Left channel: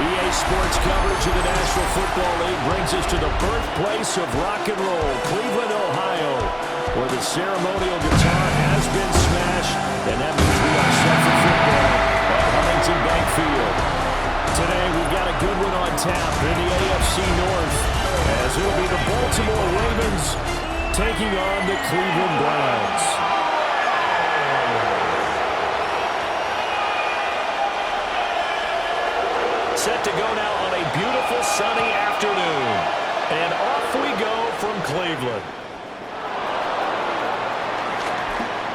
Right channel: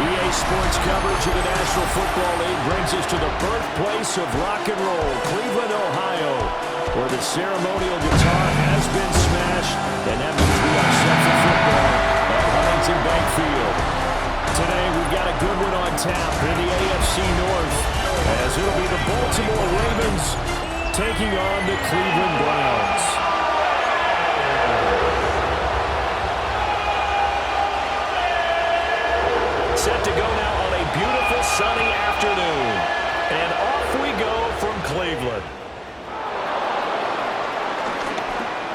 EA Sports coverage of the National Football League brings us to the birthplace of rock and roll, Cleveland, Ohio, where the ceremonial guitar has been smashed, and that means we are set for football at Huntington Bank Field. Today, we've got a good one on tap in the AFC North, as it'll be the Baltimore Ravens taking on the Cleveland Browns. Set to go now on a beautiful sunny afternoon. And off we go from Cleveland.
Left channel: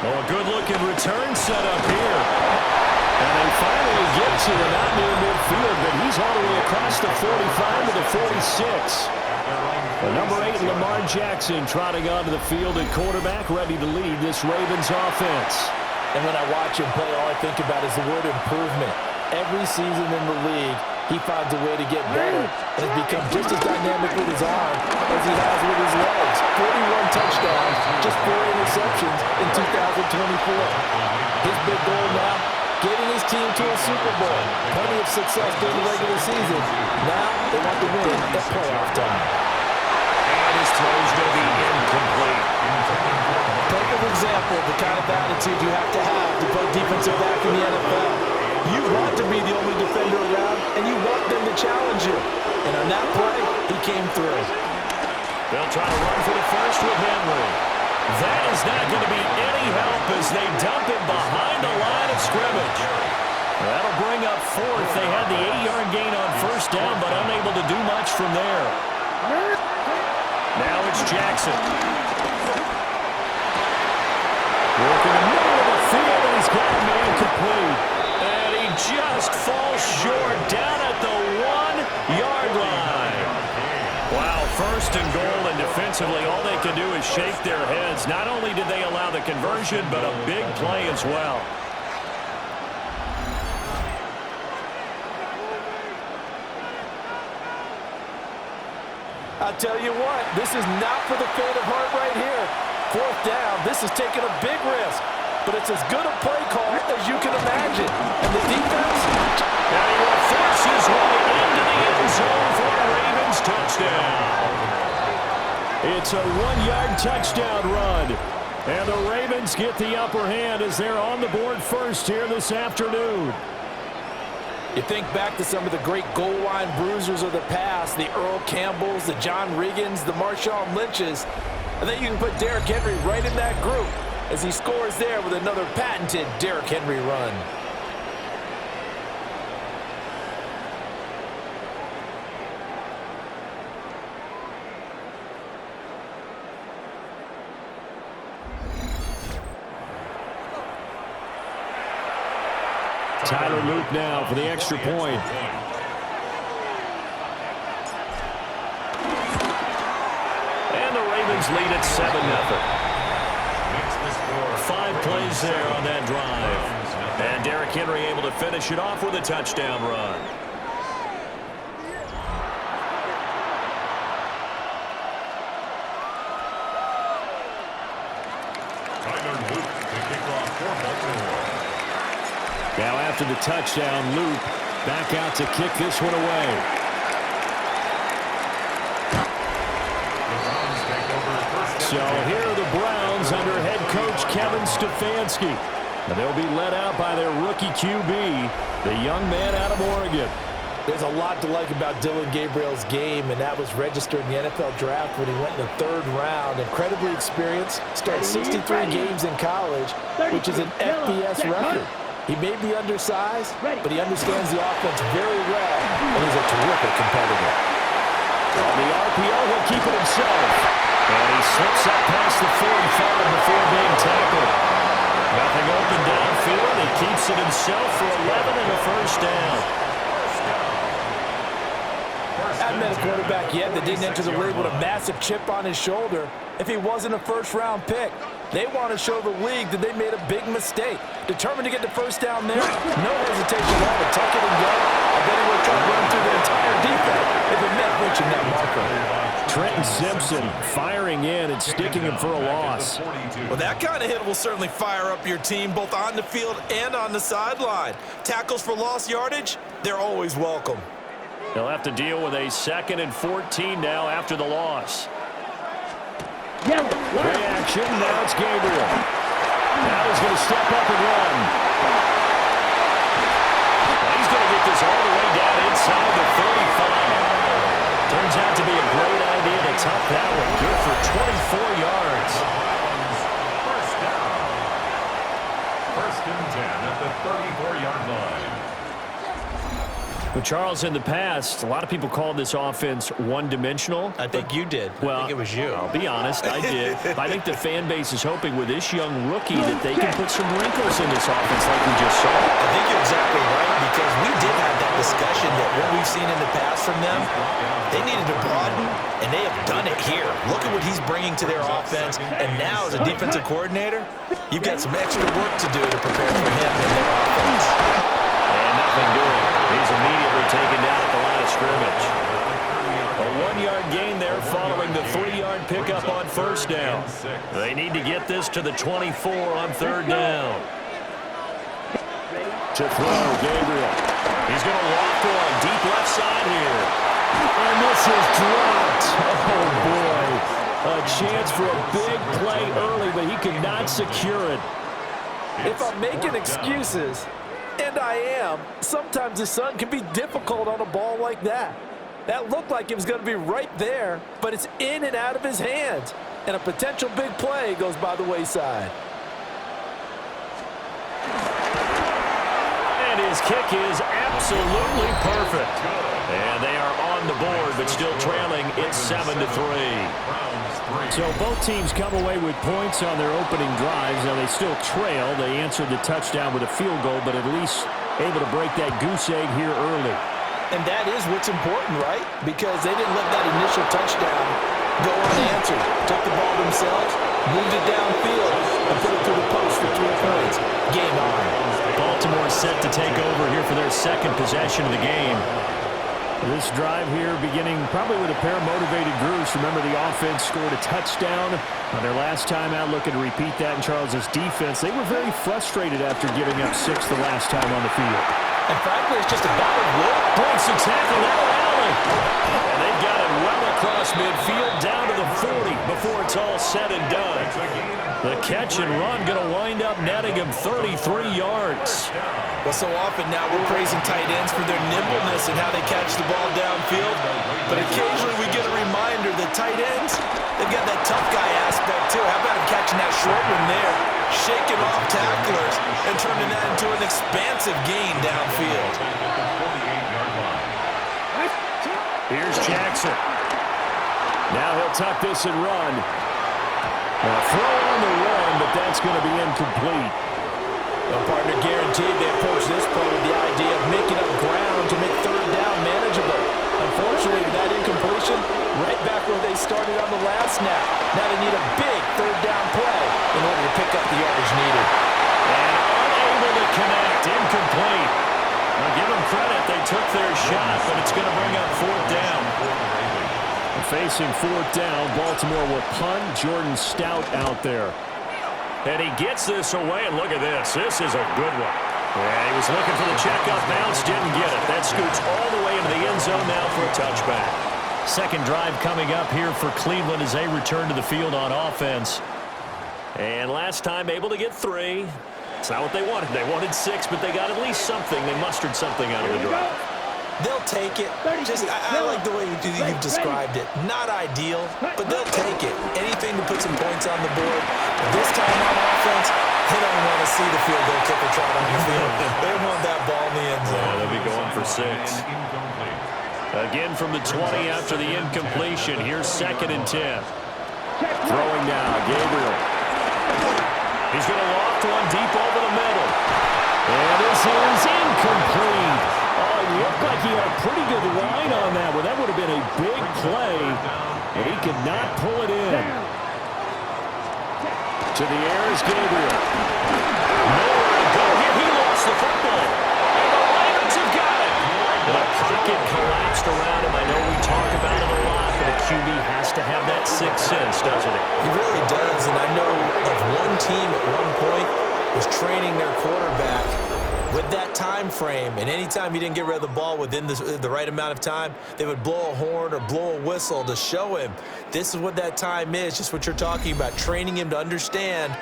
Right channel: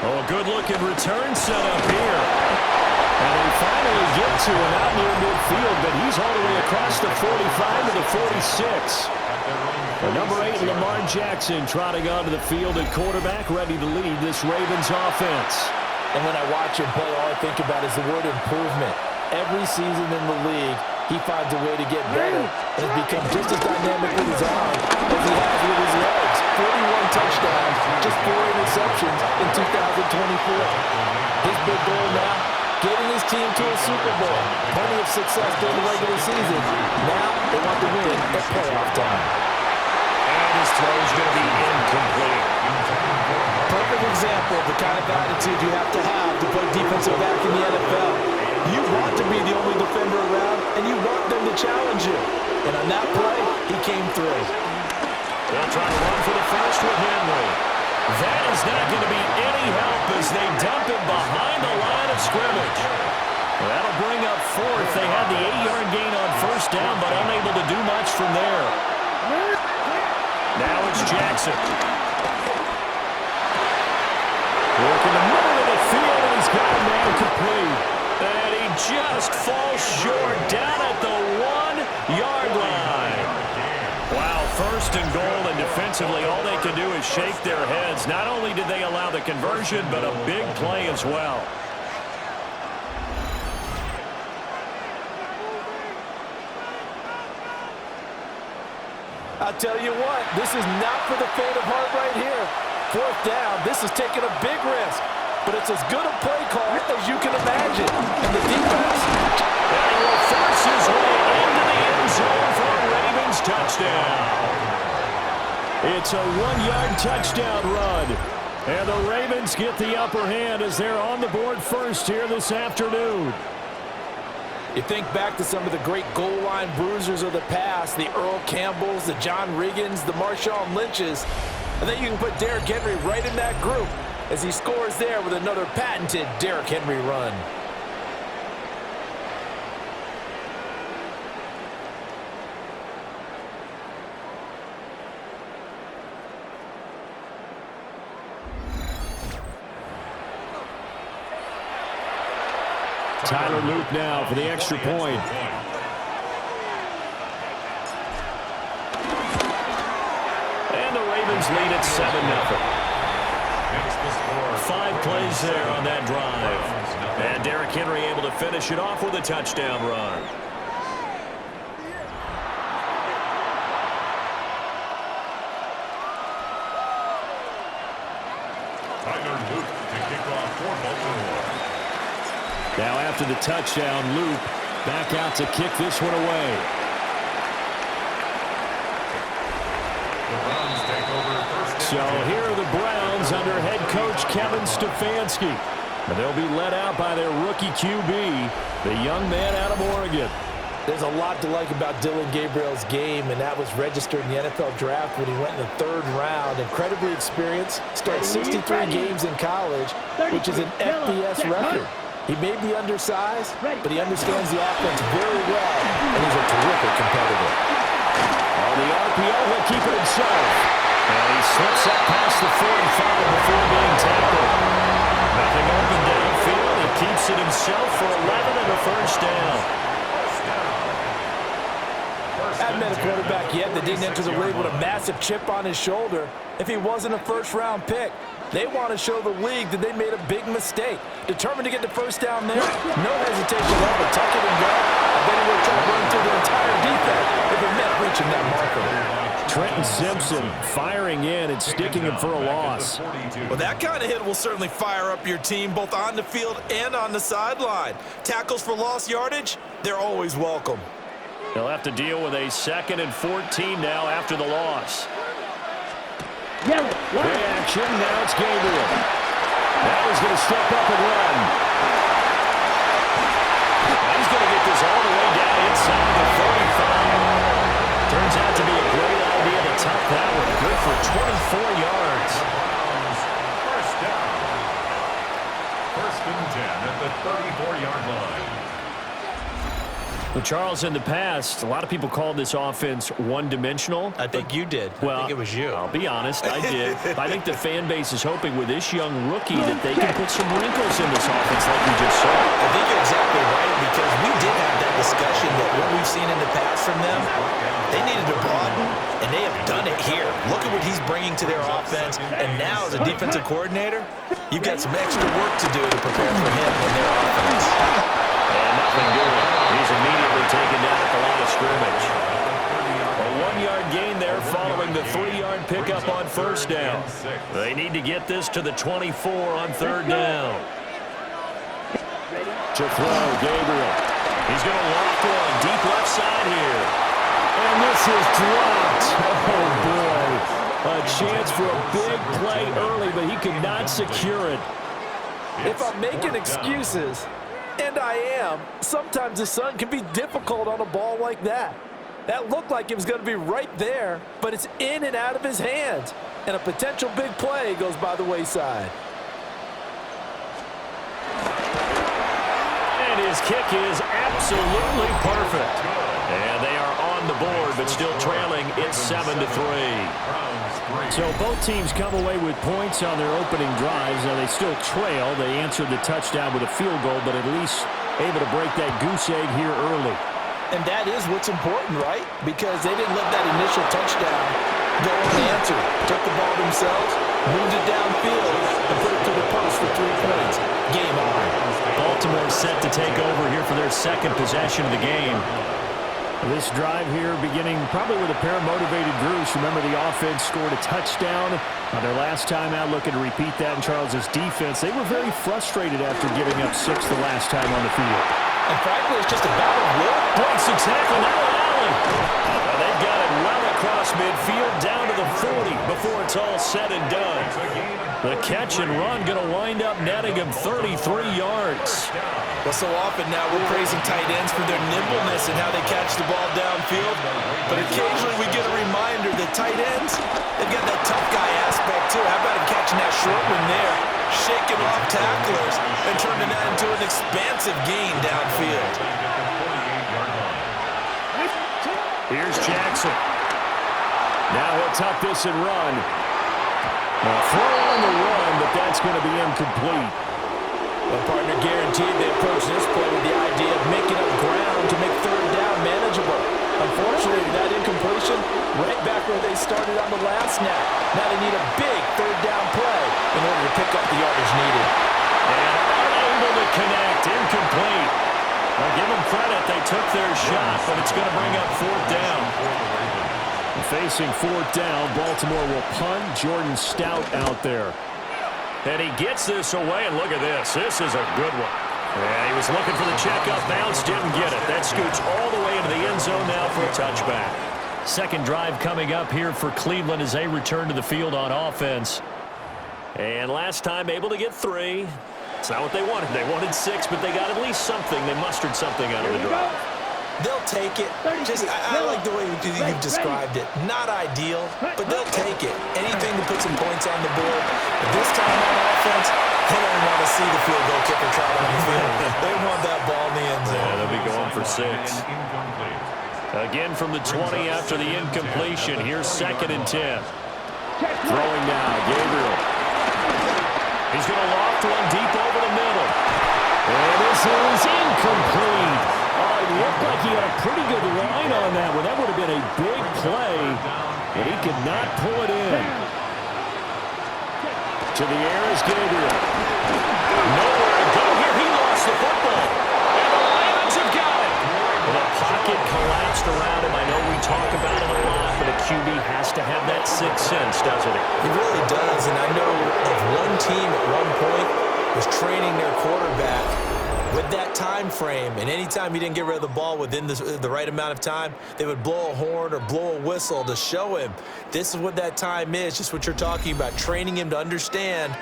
Oh, a good-looking return set up here. And they finally get to it out near midfield, but he's all the way across the 45 to the 46. The number 8, Lamar Jackson, trotting onto the field at quarterback, ready to lead this Ravens offense. And when I watch him play, all I think about is the word improvement. Every season in the league, he finds a way to get better and has become just as dynamic with his arm as he has with his legs. 41 touchdowns, just 4 interceptions in 2024. His big goal now, getting his team to a Super Bowl. Plenty of success during the regular season. Now they want to win at playoff time. And his throw is going to be incomplete. Perfect example of the kind of attitude you have to play defensive back in the NFL. You want to be the only defender around, and you want them to challenge you. And on that play, he came through. They'll try to run for the first with Henry. That is not going to be any help as they dump him behind the line of scrimmage. That'll bring up fourth. They had the 8-yard gain on first down, but unable to do much from there. Now it's Jackson. Working the middle of the field, and he's got a man complete. And he just falls short down at the 1-yard line. Wow, first and goal, and defensively all they can do is shake their heads. Not only did they allow the conversion, but a big play as well. I'll tell you what, this is not for the faint of heart right here. Fourth down, this is taking a big risk. But it's as good a play call as you can imagine. And the defense... And he will force his way into the end zone for a Ravens touchdown. It's a 1-yard touchdown run. And the Ravens get the upper hand as they're on the board first here this afternoon. You think back to some of the great goal line bruisers of the past, the Earl Campbells, the John Riggins, the Marshawn Lynches. I think you can put Derrick Henry right in that group, as he scores there with another patented Derrick Henry run. Tyler Loop now for the extra point. And the Ravens lead at 7-0. 5 plays there on that drive. And Derrick Henry able to finish it off with a touchdown run. Tyler Loop to kick off for Baltimore. Now after the touchdown, Loop back out to kick this one away. The Browns take over first down. So here are the Browns under head coach Kevin Stefanski. And they'll be led out by their rookie QB, the young man out of Oregon. There's a lot to like about Dylan Gabriel's game, and that was registered in the NFL draft when he went in the 3rd round. Incredibly experienced, started 63 games in college, which is an FBS record. He may be undersized, but he understands the offense very well, and he's a terrific competitor. On the RPO, he'll keep it himself. And he slips up past the 45 before being tackled. Nothing open downfield. He keeps it himself for 11 and a first down. Hadn't met a quarterback yet that didn't enter the league with a massive chip on his shoulder if he wasn't a first-round pick. They want to show the league that they made a big mistake. Determined to get the first down there, no hesitation at all to tuck it and go. I bet he would try to run through the entire defense if it meant reaching that marker. Trenton Simpson firing in and sticking him for a loss. Well, that kind of hit will certainly fire up your team both on the field and on the sideline. Tackles for lost yardage, they're always welcome. They'll have to deal with a 2nd and 14 now after the loss. Play action. Now it's Gabriel. Now he's going to step up and run. Well, he's going to get this all the way down inside the 35. Turns out to be a great idea to tuck that one. Good for 24 yards. First down. 1st and 10 at the 34-yard line. Well, Charles, in the past, a lot of people called this offense one-dimensional. I think you did. Well, I think it was you. I'll be honest, I did. I think the fan base is hoping with this young rookie that they can put some wrinkles in this offense like we just saw. I think you're exactly right, because we did have that discussion that what we've seen in the past from them, they needed to broaden, and they have done it here. Look at what he's bringing to their offense, and now as a defensive coordinator, you've got some extra work to do to prepare for him and their offense. And nothing doing. He's immediately taken down at the line of scrimmage. A 1-yard gain there following the 3-yard pickup on 1st down. They need to get this to the 24 on 3rd down. To throw, Gabriel. He's going to loft one deep left side here. And this is dropped. Oh, boy. A chance for a big play early, but he could not secure it. If I'm making excuses, and I am, sometimes the sun can be difficult on a ball like that. That looked like it was going to be right there, but it's in and out of his hands. And a potential big play goes by the wayside. And his kick is absolutely perfect. And they are on the board, but still trailing. It's 7-3. So both teams come away with points on their opening drives. Now they still trail. They answered the touchdown with a field goal, but at least able to break that goose egg here early. And that is what's important, right? Because they didn't let that initial touchdown go unanswered. Took the ball themselves, moved it downfield, and put it through the post for 3 points. Game on. Baltimore set to take over here for their 2nd possession of the game. This drive here beginning probably with a pair of motivated groups. Remember, the offense scored a touchdown on their last time out, looking to repeat that in Charles's defense. They were very frustrated after giving up 6 the last time on the field. And frankly, it's just a battle of will. Breaks the tackle, now Allen. And they've got it well across midfield down to the 40 before it's all said and done. The catch and run going to wind up netting him 33 yards. Well, so often now we're praising tight ends for their nimbleness and how they catch the ball downfield. But occasionally we get a reminder that tight ends, they've got that tough guy aspect too. How about him catching that short one there, shaking off tacklers, and turning that into an expansive gain downfield. Here's Jackson. Now he'll tuck this and run. Now throw on the run, but that's going to be incomplete. Well, partner, guaranteed they approach this play with the idea of making up ground to make 3rd down manageable. Unfortunately, with that incompletion, right back where they started on the last snap. Now they need a big 3rd down play in order to pick up the yardage needed. And unable to connect, incomplete. Now give them credit, they took their shot, but it's going to bring up 4th down. Facing 4th down, Baltimore will punt. Jordan Stout out there. And he gets this away, and look at this. This is a good one. Yeah, he was looking for the checkup bounce, didn't get it. That scoots all the way into the end zone now for a touchback. 2nd drive coming up here for Cleveland as they return to the field on offense. And last time able to get 3. It's not what they wanted. They wanted 6, but they got at least something. They mustered something out of the drive. They'll take it. I like the way you've described it. Not ideal, but they'll take it. Anything to put some points on the board. But this time on offense, they don't want to see the field goal kicker trot on the field. They want that ball in the end zone. Yeah, they'll be going for 6. Again from the 20 after the incompletion. Here's 2nd and 10. Throwing now, Gabriel. He's going to loft one deep over the middle. And this is incomplete. Oh, it looked like he had a pretty good line on that one. That would have been a big play, but he could not pull it in. To the air is Gabriel. Nowhere to go here. He lost the football. And the Ravens have got it. And a pocket collapsed around him. I know we talk about it a lot, but a QB has to have that 6th sense, doesn't he? He really does, and I know of one team at one point was training their quarterback With that time frame, and anytime he didn't get rid of the ball within the right amount of time, they would blow a horn or blow a whistle to show him this is what that time is, just what you're talking about, training him to understand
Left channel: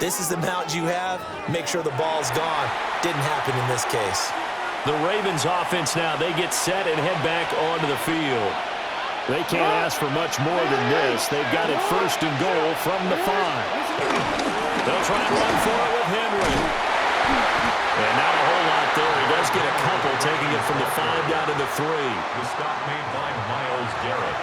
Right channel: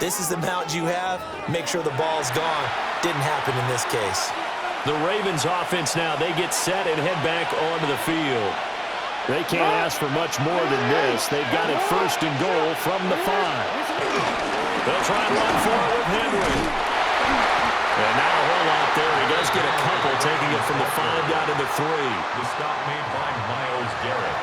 this is the amount you have, make sure the ball's gone. Didn't happen in this case. The Ravens offense now, they get set and head back onto the field. They can't ask for much more than this. They've got it 1st and goal from the 5. They'll try and run for it with Henry. And not a whole lot there. He does get a couple, taking it from the 5 down to the 3. The stop made by Myles Garrett.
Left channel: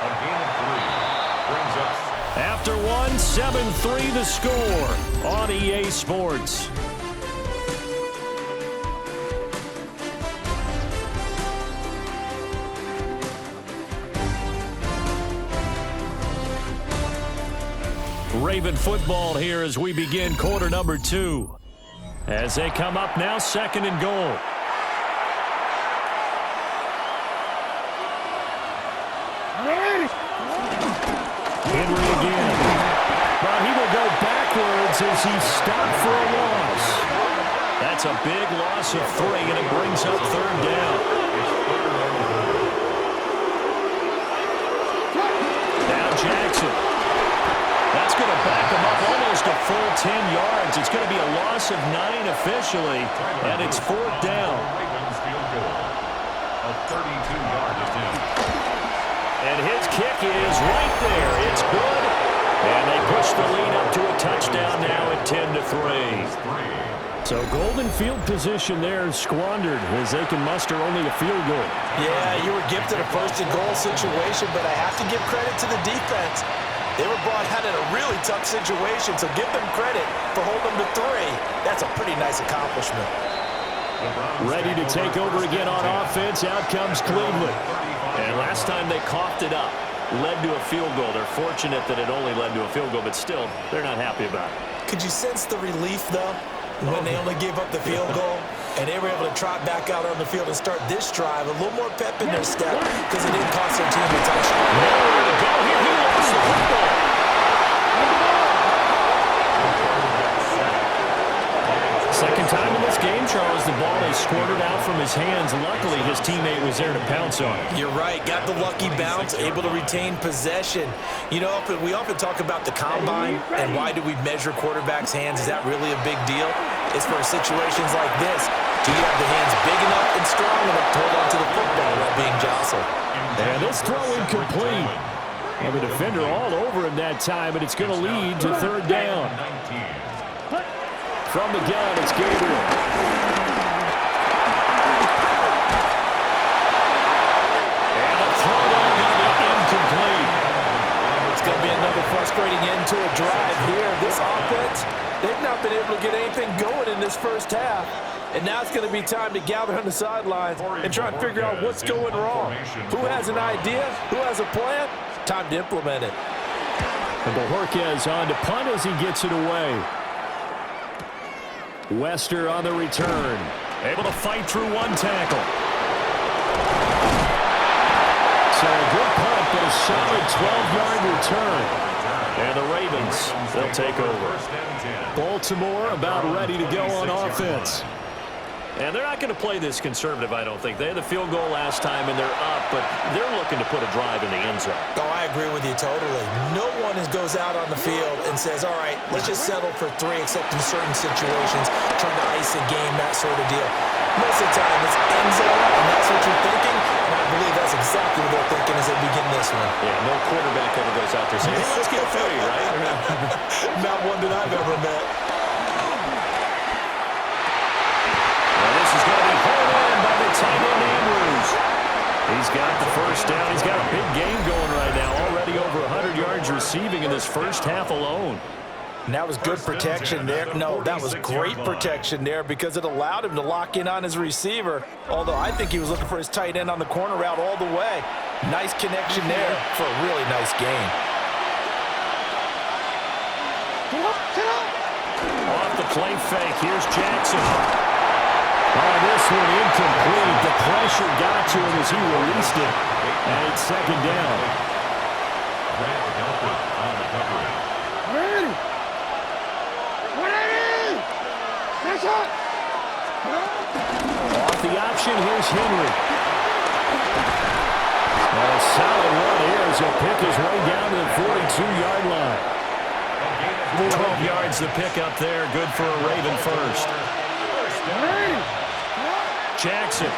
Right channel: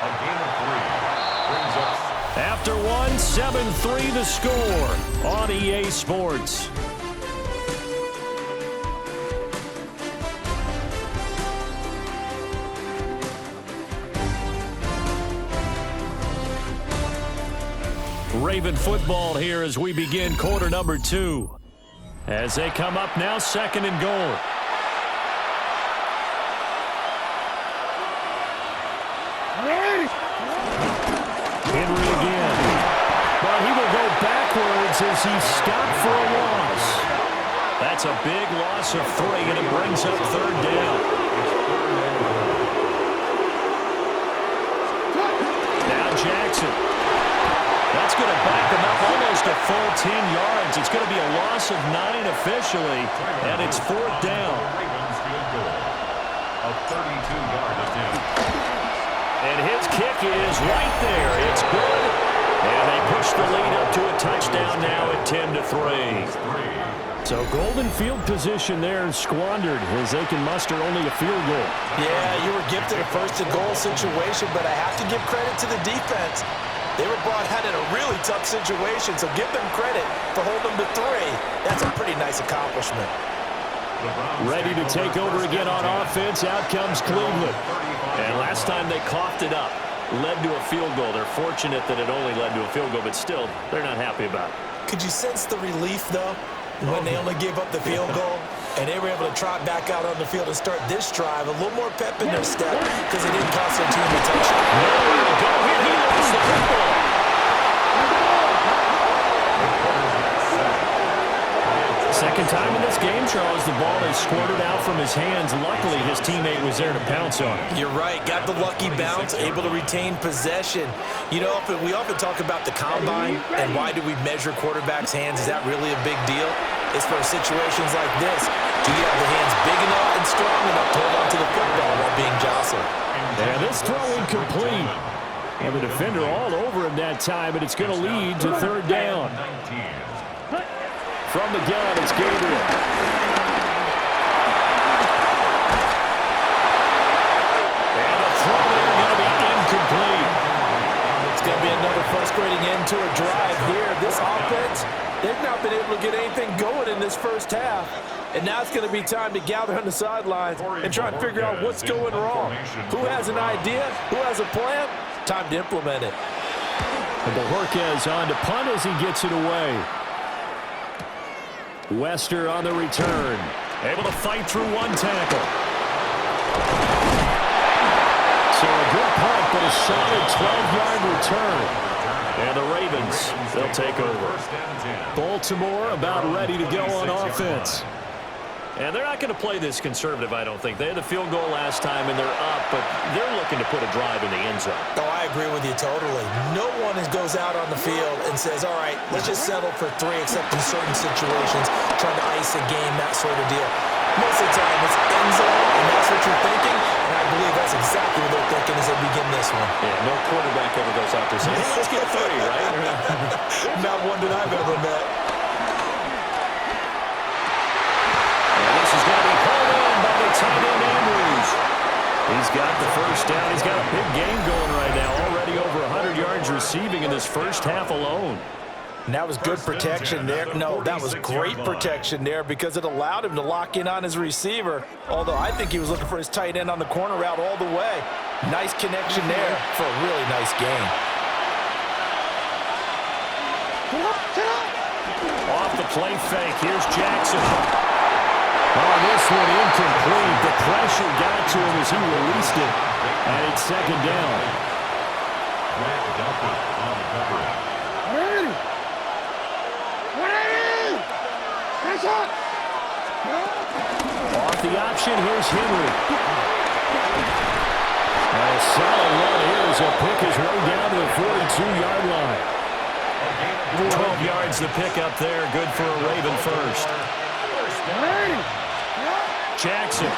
A gain of 3 brings up. After 1, 7-3 the score on EA Sports. Raven football here as we begin quarter number 2. As they come up now, 2nd and goal. Henry again. But he will go backwards as he's stopped for a loss. That's a big loss of 3, and it brings up 3rd down. Now Jackson. That's going to back him up almost a full 10 yards. It's going to be a loss of 9 officially, and it's 4th down. Ravens field goal. A 32-yard attempt. And his kick is right there. It's good. And they push the lead up to a touchdown now at 10-3. So golden field position there squandered as they can muster only a field goal. Yeah, you were gifted a 1st and goal situation, but I have to give credit to the defense. They were brought out in a really tough situation, so give them credit for holding them to 3. That's a pretty nice accomplishment. Ready to take over again on offense. Out comes Cleveland. And last time they coughed it up, led to a field goal. They're fortunate that it only led to a field goal, but still, they're not happy about it. Could you sense the relief, though, when they only gave up the field goal and they were able to trot back out on the field and start this drive? A little more pep in their step because it didn't cost their team a touchdown. Nowhere to go here. He lost the football. Second time in this game, Charles, the ball is squirted out from his hands. Luckily, his teammate was there to pounce on it. You're right. Got the lucky bounce, able to retain possession. You know, we often talk about the combine and why do we measure quarterbacks' hands. Is that really a big deal? It's for situations like this. Do you have the hands big enough and strong enough to hold on to the football while being jostled? And this throw incomplete. And the defender all over him that time, but it's going to lead to 3rd down. From the gun, it's Gabriel. And a throw there going to be incomplete. It's going to be another frustrating end to a drive here. This offense, they've not been able to get anything going in this first half. And now it's going to be time to gather on the sidelines and try and figure out what's going wrong. Who has an idea? Who has a plan? Time to implement it. And Bojorquez on to punt as he gets it away. Wester on the return. Able to fight through 1 tackle. So a good punt, but a solid 12-yard return. And the Ravens, they'll take over. Baltimore about ready to go on offense. And they're not going to play this conservative, I don't think. They had the field goal last time, and they're up, but they're looking to put a drive in the end zone. Oh, I agree with you totally. No one goes out on the field and says, all right, let's just settle for 3, except in certain situations, trying to ice a game, that sort of deal. Most of the time, it's end zone, and that's what you're thinking, and I believe that's exactly what they're thinking as they begin this one. Yeah, no quarterback ever goes out there saying, hey, let's get 3, right? Not one that I've ever met. This is going to be hauled in by the tight end, Andrews. He's got the 1st down. He's got a big game going right now. Already over 100 yards receiving in this first half alone. And that was good protection there. No, that was great protection there because it allowed him to lock in on his receiver. Although I think he was looking for his tight end on the corner route all the way. Nice connection there for a really nice gain. Off the play fake. Here's Jackson. Oh, this one incomplete. The pressure got to him as he released it. And it's 2nd down. Brad Delpit on the coverage. Off the option, here's Henry. And a solid run here as he'll pick his way down to the 42-yard line. 12 yards to pick up there. Good for a Raven first. Jackson.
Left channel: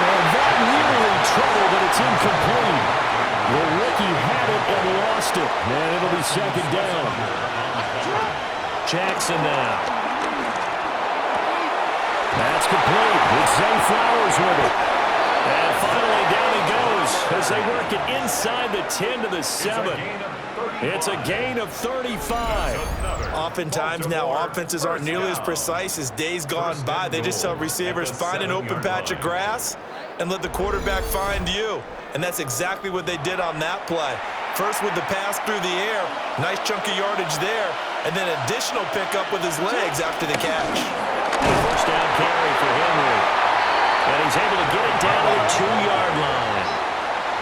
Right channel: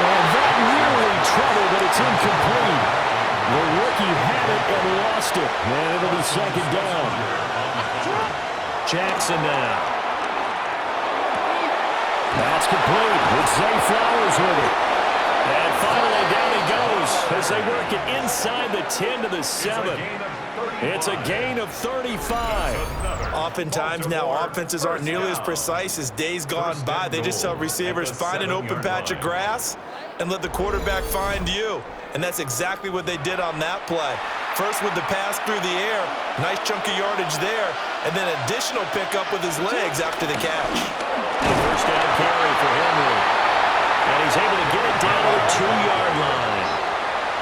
And that nearly trouble, but it's incomplete. The rookie had it and lost it. And it'll be second down. Jackson now. That's complete. It's Zay Flowers with it. And finally down he goes as they work it inside the 10 to the 7. It's a gain of 35. Oftentimes now offenses aren't nearly as precise as days gone by. They just tell receivers, find an open patch of grass and let the quarterback find you. And that's exactly what they did on that play. First with the pass through the air, nice chunk of yardage there, and then additional pickup with his legs after the catch. First down carry for Henry. And he's able to get it down to the 2-yard line.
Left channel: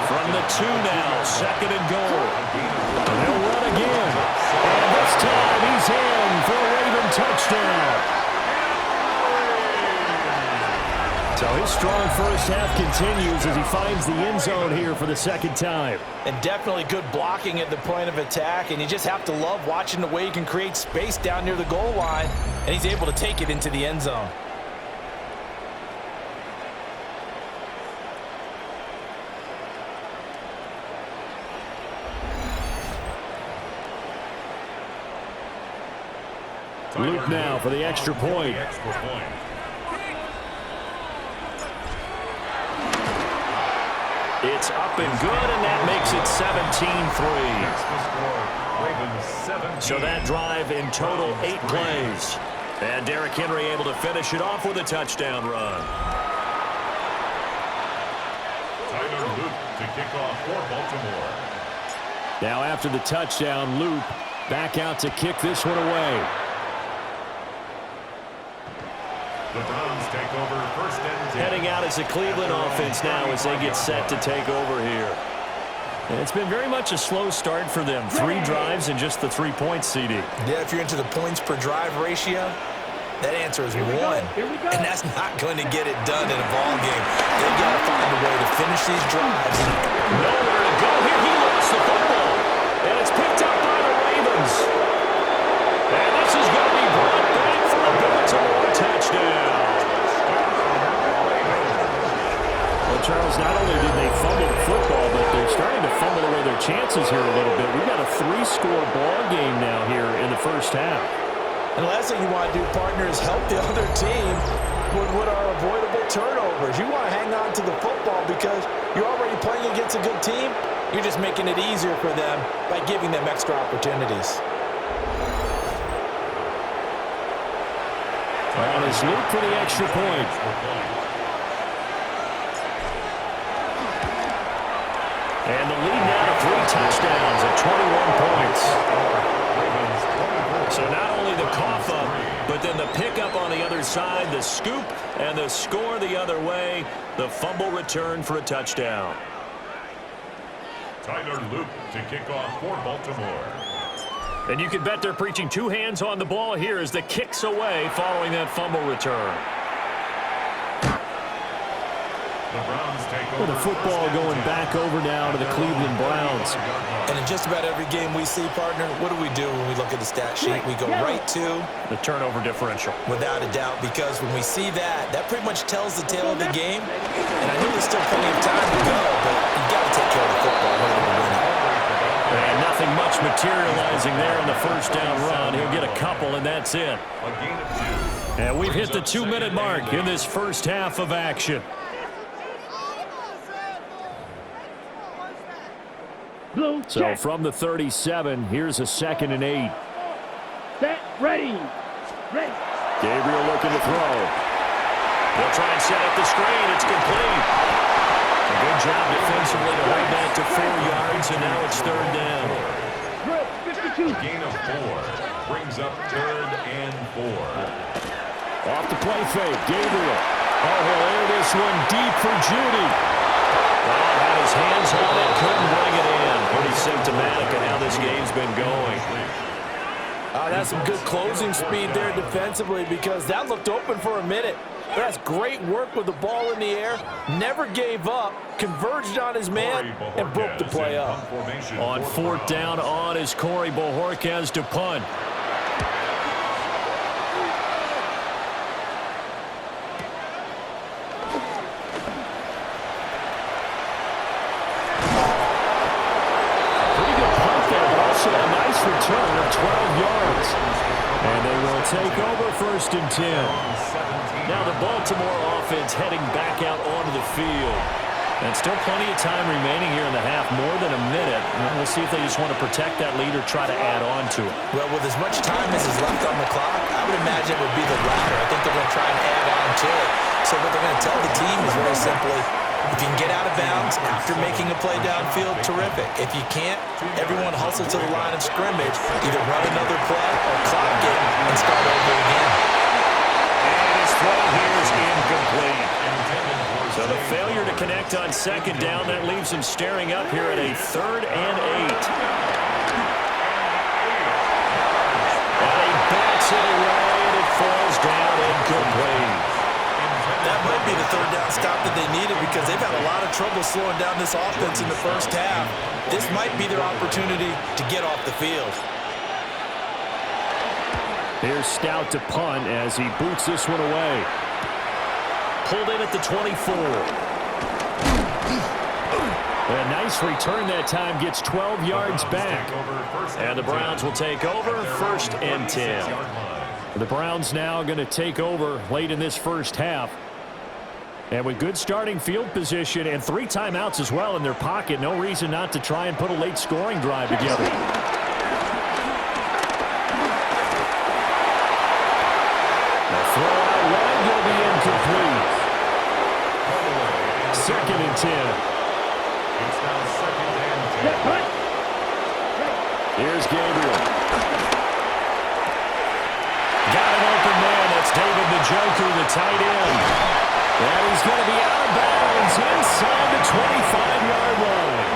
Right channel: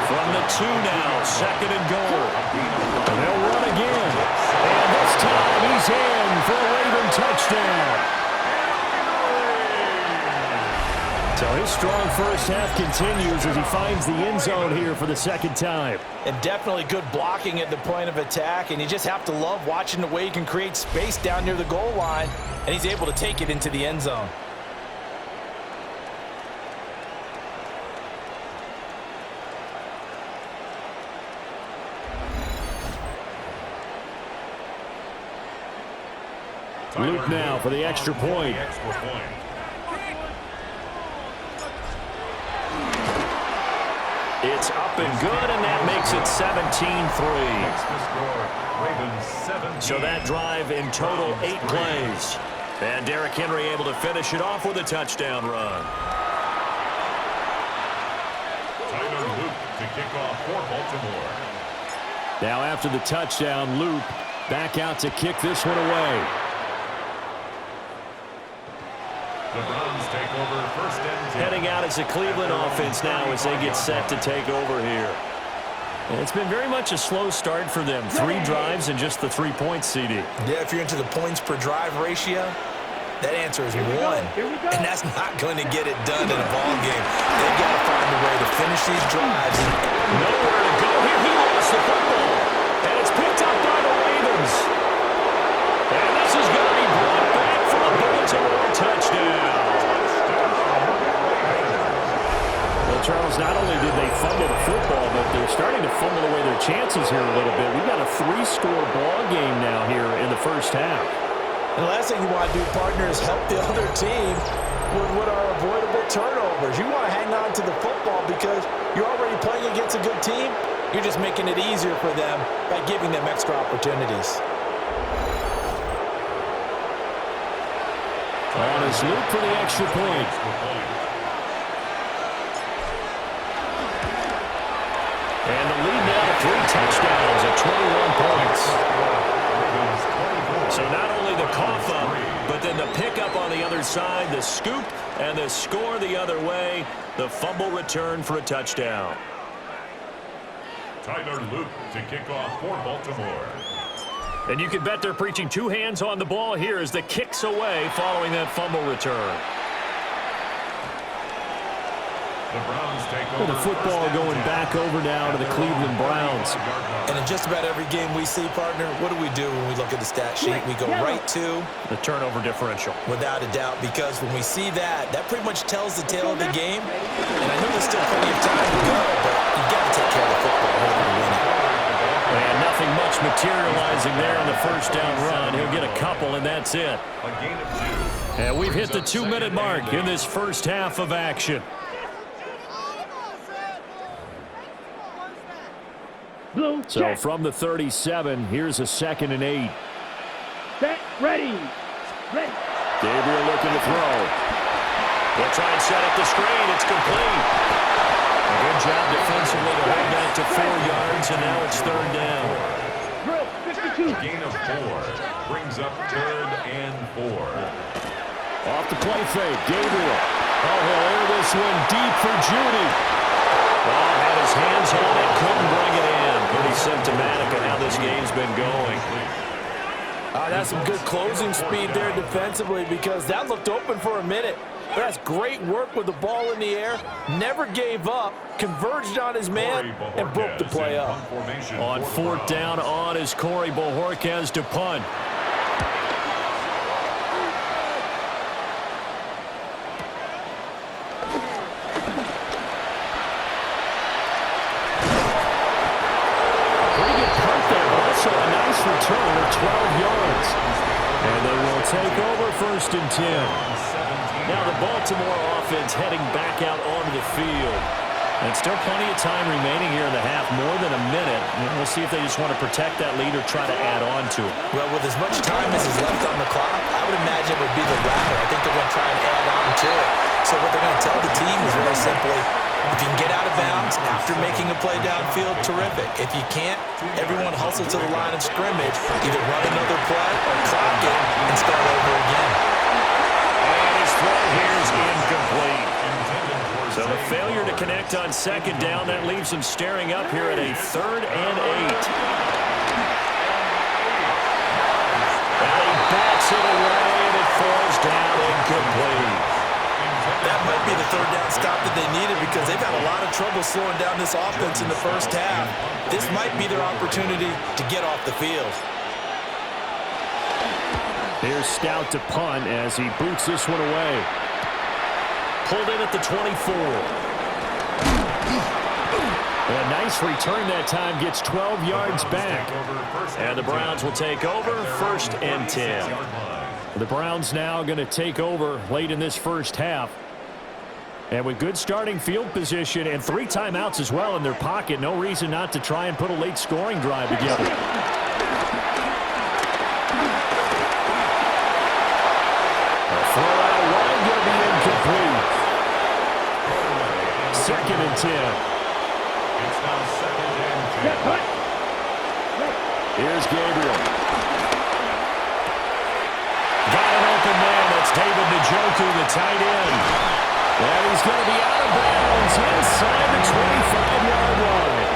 From the 2 now, second and goal. And they'll run again. And this time he's in for a Raven touchdown. So his strong first half continues as he finds the end zone here for the second time. And definitely good blocking at the point of attack. And you just have to love watching the way he can create space down near the goal line. And he's able to take it into the end zone. Luke now for the extra point. It's up and good, and that makes it 17-3. So that drive in total 8 plays. And Derrick Henry able to finish it off with a touchdown run. Tyler Luke to kick off for Baltimore. Now after the touchdown, Luke back out to kick this one away. The Browns take over first and 10. Heading out as a Cleveland offense now as they get set to take over here. And it's been very much a slow start for them. 3 drives and just the 3 points, CD. Yeah, if you're into the points per drive ratio, that answer is 1. And that's not going to get it done in a ball game. They've got to find a way to finish these drives. Nowhere to go here. He lost the football. And it's picked up by the Ravens. And this is going to be brought back for a Baltimore touchdown. Well, Charles, not only did they fumble the football, but they're starting to fumble away their chances here a little bit. We've got a 3-score ball game now here in the first half. And the last thing you want to do, partner, is help the other team with what are avoidable turnovers. You want to hang on to the football because you're already playing against a good team. You're just making it easier for them by giving them extra opportunities. On his Luke for the extra point. And the lead now to 3 touchdowns at 21 points. So not only the cough up, but then the pickup on the other side, the scoop, and the score the other way, the fumble return for a touchdown. Tyler Luke to kick off for Baltimore. And you can bet they're preaching 2 hands on the ball here as the kick's away following that fumble return. The Browns take over. The football going back over now to the Cleveland Browns. And in just about every game we see, partner, what do we do when we look at the stat sheet? We go right to the turnover differential. Without a doubt, because when we see that, that pretty much tells the tale of the game. And I know there's still plenty of time to go, but you've got to take care of the football in order to win it. And nothing much materializing there on the first down run. He'll get a couple, and that's it. A gain of 2. And we've hit the 2-minute mark in this first half of action. So from the 37, here's a 2nd and 8. Set, ready. Gabriel looking to throw. They'll try and set up the screen. It's complete. A good job defensively to hold that to 4 yards, and now it's 3rd down. A gain of 4 brings up 3rd and 4. Off the play fake, Gabriel. Oh, he'll air this one deep for Judy. Oh, had his hands on it, couldn't bring it in. Pretty symptomatic of how this game's been going. That's some good closing speed there defensively, because that looked open for a minute. That's great work with the ball in the air. Never gave up, converged on his man, and broke the play up. On fourth down on is Corey Bojorquez to punt. Pretty good punt there, but also a nice return of 12 yards. And they will take over 1st and 10. Now the Baltimore offense heading back out onto the field. And still plenty of time remaining here in the half, more than a minute. We'll see if they just want to protect that lead or try to add on to it. Well, with as much time as is left on the clock, I would imagine it would be the latter. I think they're going to try and add on to it. So what they're going to tell the team is very simply, if you can get out of bounds after making a play downfield, terrific. If you can't, everyone hustle to the line of scrimmage, either run another play or clock it and start over again. And his throw here is incomplete. So the failure to connect on 2nd down, that leaves him staring up here at a 3rd and 8. And he bats it away, and it falls down incomplete. That might be the 3rd down stop that they needed, because they've had a lot of trouble slowing down this offense in the first half. This might be their opportunity to get off the field. Here's Stout to punt as he boots this one away. Pulled in at the 24. A nice return that time, gets 12 yards back. And the Browns will take over 1st and 10. The Browns now going to take over late in this first half. And with good starting field position and 3 timeouts as well in their pocket, no reason not to try and put a late scoring drive together. The throw out wide going to be incomplete. 2nd and 10. It's now 2nd and 10. Here's Gabriel. Got an open man. That's David Njoku, the tight end. And he's going to be out of bounds inside the 25-yard line.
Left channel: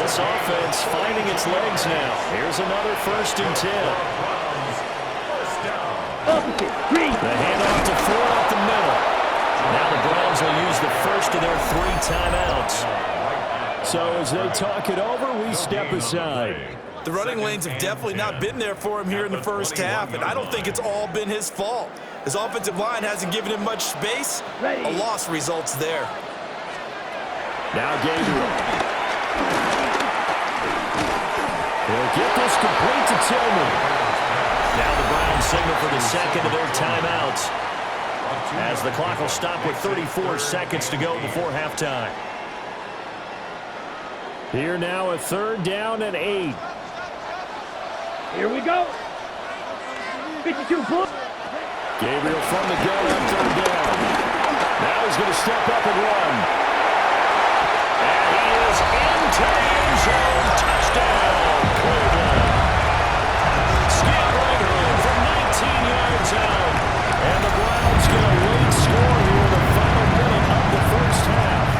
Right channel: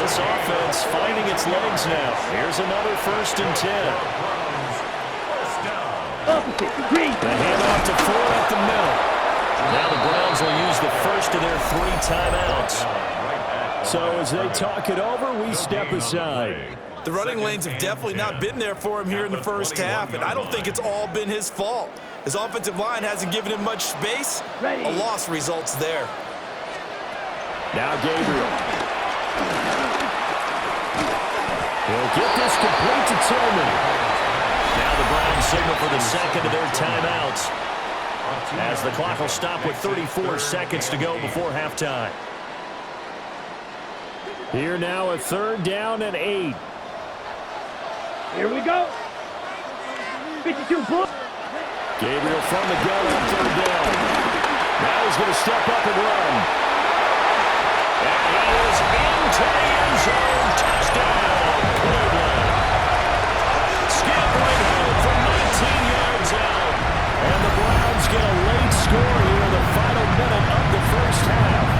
This offense finding its legs now. Here's another 1st and 10. The handoff to Ford up the middle. Now the Browns will use the first of their 3 timeouts. So as they talk it over, we step aside. The running lanes have definitely not been there for him here in the first half, and I don't think it's all been his fault. His offensive line hasn't given him much space. A loss results there. Now Gabriel. He'll get this complete to Tillman. Now the Browns signal for the 2nd of their timeouts, as the clock will stop with 34 seconds to go before halftime. Here now a 3rd down and 8. Here we go. 52 foot. Gabriel from the gun on 3rd down. Now he's going to step up and run. And he is into the end zone. Touchdown, Cleveland. Scampering home from 19 yards out. And the Browns get a late score here in the final minute of the first half.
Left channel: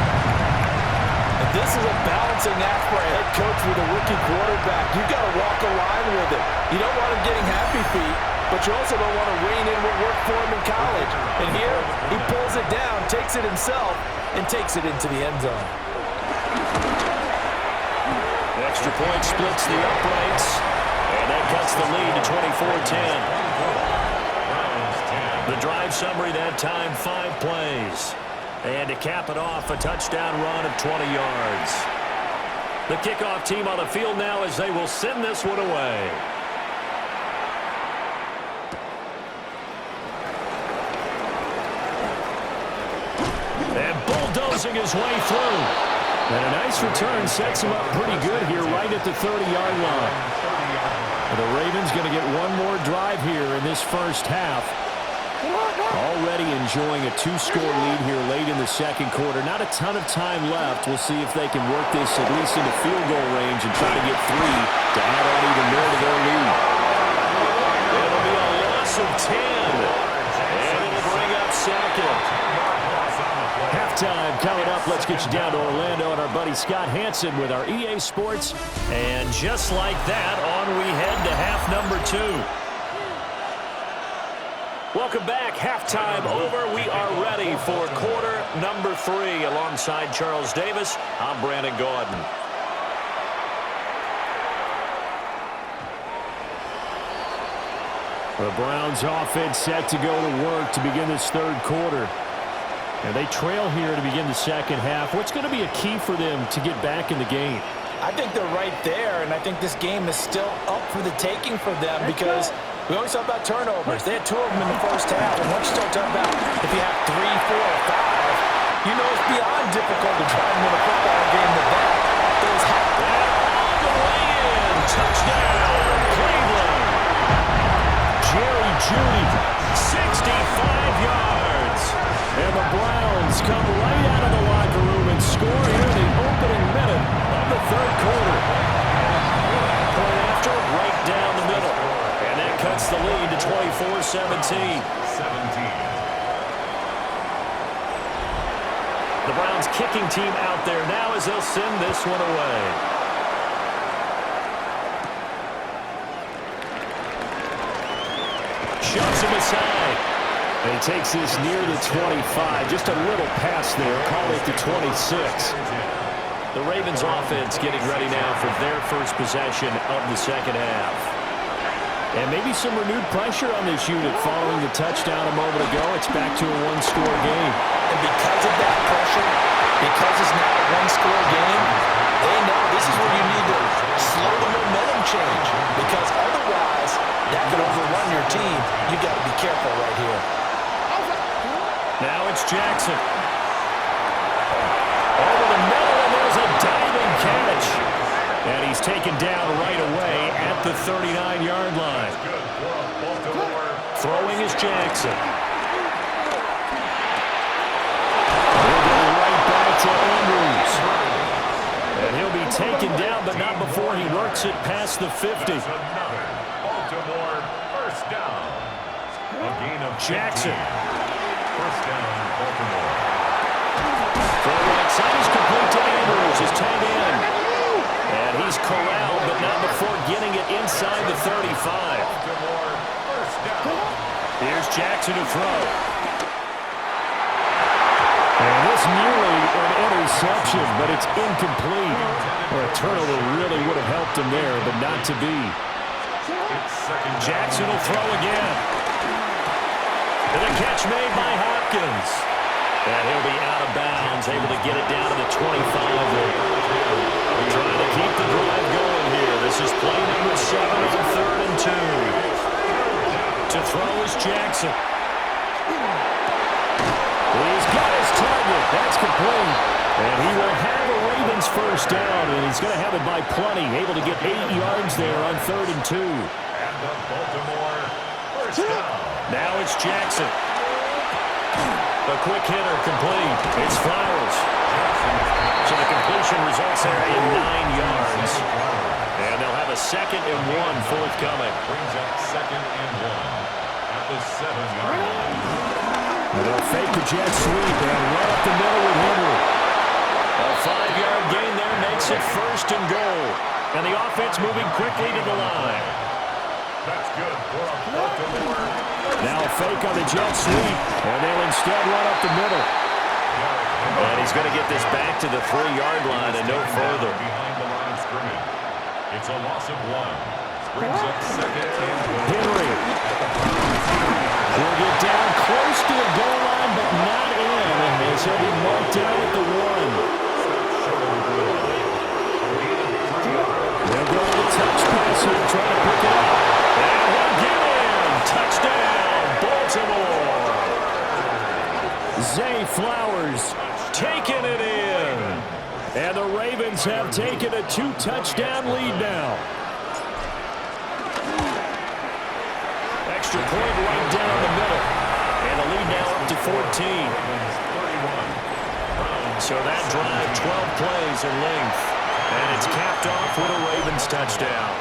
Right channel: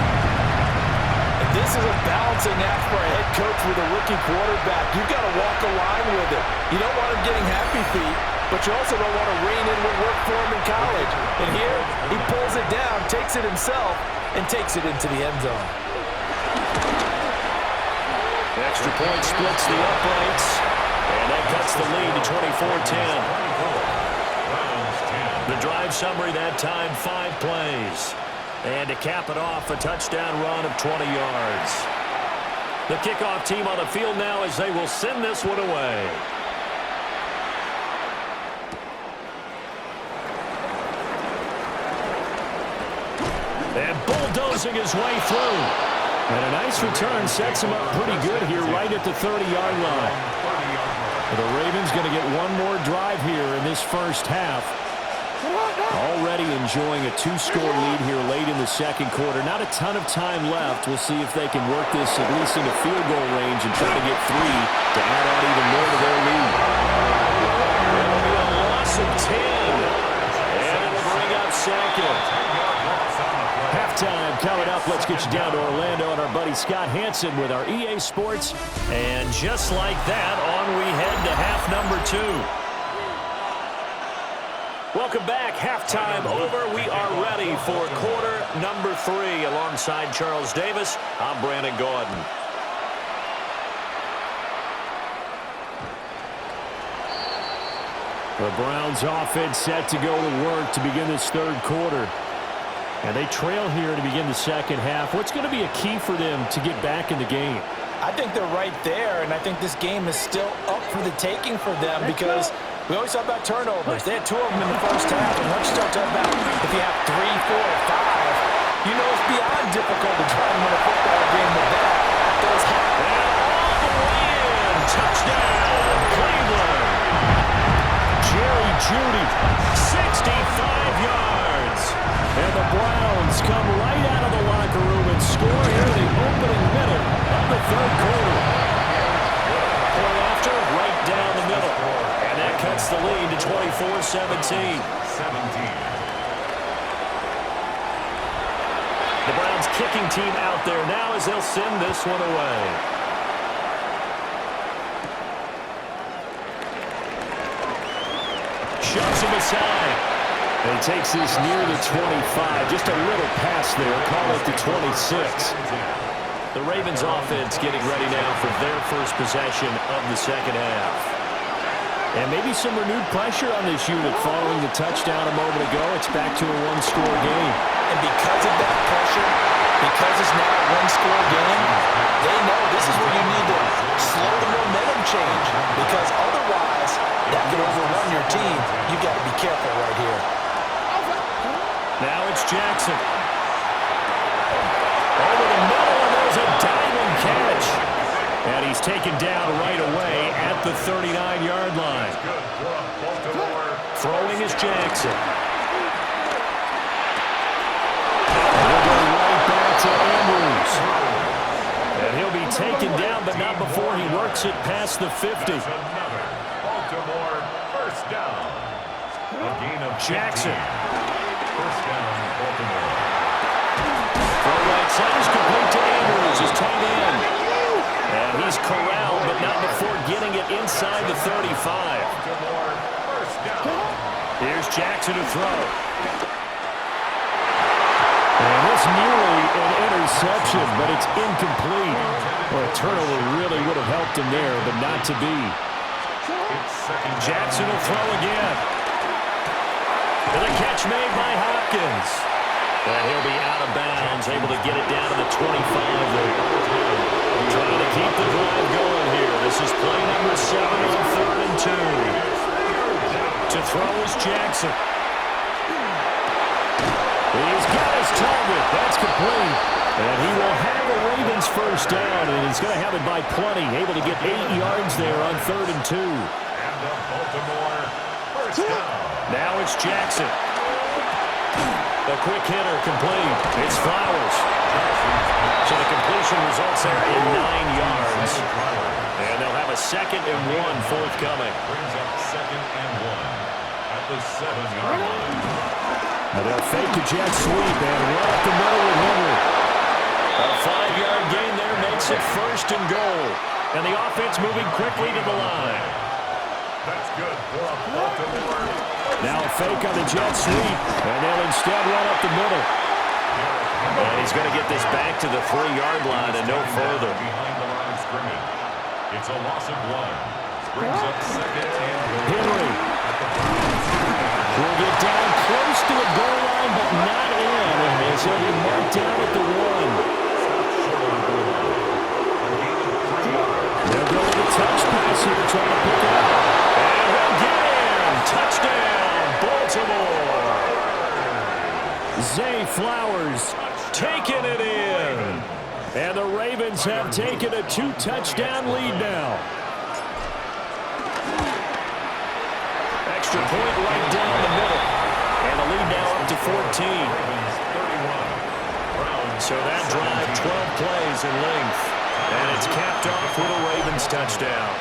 And this is a balancing act for a head coach with a rookie quarterback. You've got to walk a line with it. You don't want him getting happy feet, but you also don't want to rein in what worked for him in college. And here, he pulls it down, takes it himself, and takes it into the end zone. Extra point splits the uprights, and that cuts the lead to 24-10. The drive summary that time, 5 plays. And to cap it off, a touchdown run of 20 yards. The kickoff team on the field now as they will send this one away. And bulldozing his way through. And a nice return sets him up pretty good here right at the 30-yard line. The Ravens going to get one more drive here in this first half. Already enjoying a 2-score lead here late in the second quarter. Not a ton of time left. We'll see if they can work this at least into field goal range and try to get 3 to add on even more to their lead. It'll be a loss of 10. And it'll bring up 2nd. Halftime coming up. Let's get you down to Orlando and our buddy Scott Hansen with our EA Sports. And just like that, on we head to half number 2. Welcome back. Halftime over. We are ready for quarter number 3. Alongside Charles Davis, I'm Brandon Gordon. The Browns offense set to go to work to begin this third quarter. And they trail here to begin the second half. What's going to be a key for them to get back in the game? I think they're right there, and I think this game is still up for the taking for them because we always talk about turnovers. They had 2 of them in the first half, and once you start talking about if you have 3, 4, or 5, you know it's beyond difficult to try and win a football game with that. And all the way in. Touchdown, Cleveland. Jerry Jeudy, 65 yards. And the Browns come right out of the locker room and score here in the opening minute of the third quarter. Point after, right down the middle. And that cuts the lead to 24-17. The Browns kicking team out there now as they'll send this one away. Shoves him aside. And he takes this near the 25. Just a little pass there. Call it the 26. The Ravens offense getting ready now for their first possession of the second half. And maybe some renewed pressure on this unit following the touchdown a moment ago. It's back to a one-score game. And because of that pressure, because it's now a one-score game, they know this is where you need to slow the momentum change. Because otherwise, that could overrun your team. You've got to be careful right here. Now it's Jackson. Over the middle, and there's a diving catch. And he's taken down right away at the 39-yard line. Throwing is Jackson. He'll go right back to Andrews. And he'll be taken down, but not before he works it past the 50. Baltimore first down. A gain of Jackson. First down, Baltimore. Throw right side is complete to Andrews, his tight end. And he's corralled, but not before getting it inside the 35. Baltimore first down. Here's Jackson to throw. And this nearly an interception, but it's incomplete. Well, a turnover really would have helped him there, but not to be. Jackson will throw again. And the catch made by Hopkins. And he'll be out of bounds, able to get it down to the 25 there. Trying to keep the drive going here. This is play number 7 on 3rd and 2. To throw is Jackson. He's got his target. That's complete. And he will have a Ravens first down, and he's going to have it by plenty. Able to get 8 yards there on 3rd and 2. And the Baltimore first down. Now it's Jackson. The quick hitter complete. It's Flowers. So the completion results there in 9 yards. And they'll have a 2nd and 1 forthcoming. Brings up 2nd and 1 at the 7-yard line. And they'll fake the jet sweep and run up the middle with Henry. A 5-yard gain there makes it 1st and goal. And the offense moving quickly to the line. That's good for a Baltimore. Now a fake on the jet sweep, and they'll instead run up the middle. And he's going to get this back to the 3-yard line and no further. Behind the line of scrimmage. It's a loss of 1. Brings up 2nd and goal. Henry will get down close to the goal line, but not in, as he'll be marked down at the 1. Stop short of the goal line. A gain of 3 yards. They'll go with a touch pass here, trying to pick it up. And he'll get in. Touchdown, Baltimore. Zay Flowers taking it in. And the Ravens have taken a 2-touchdown lead now. Extra point right down the middle. And the lead now up to 14. So that drive, 12 plays in length. And it's capped off with a Ravens touchdown.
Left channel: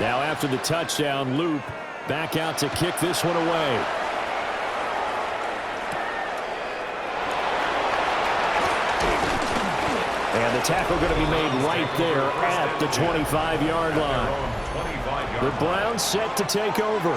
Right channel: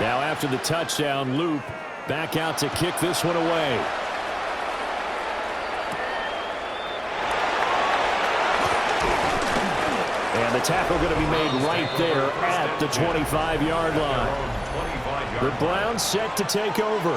Now after the touchdown, Loop back out to kick this one away. And the tackle going to be made right there at the 25-yard line. The Browns set to take over.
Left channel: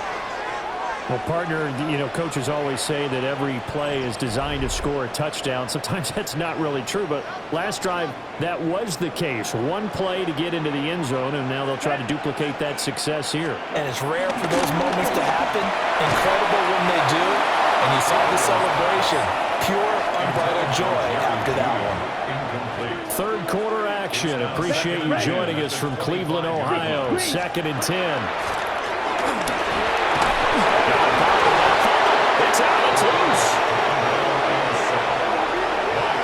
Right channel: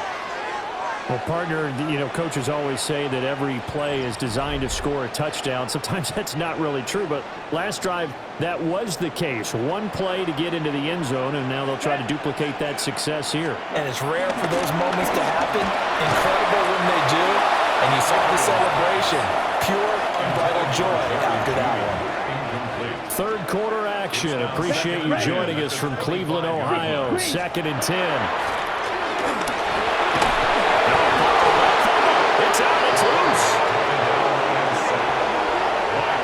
Well, partner, you know, coaches always say that every play is designed to score a touchdown. Sometimes that's not really true, but last drive, that was the case. One play to get into the end zone, and now they'll try to duplicate that success here. And it's rare for those moments to happen. Incredible when they do. And you saw the celebration. Pure, unbridled joy after that one. Third quarter action. Appreciate you joining us from Cleveland, Ohio. 2nd and 10. It's out. It's loose.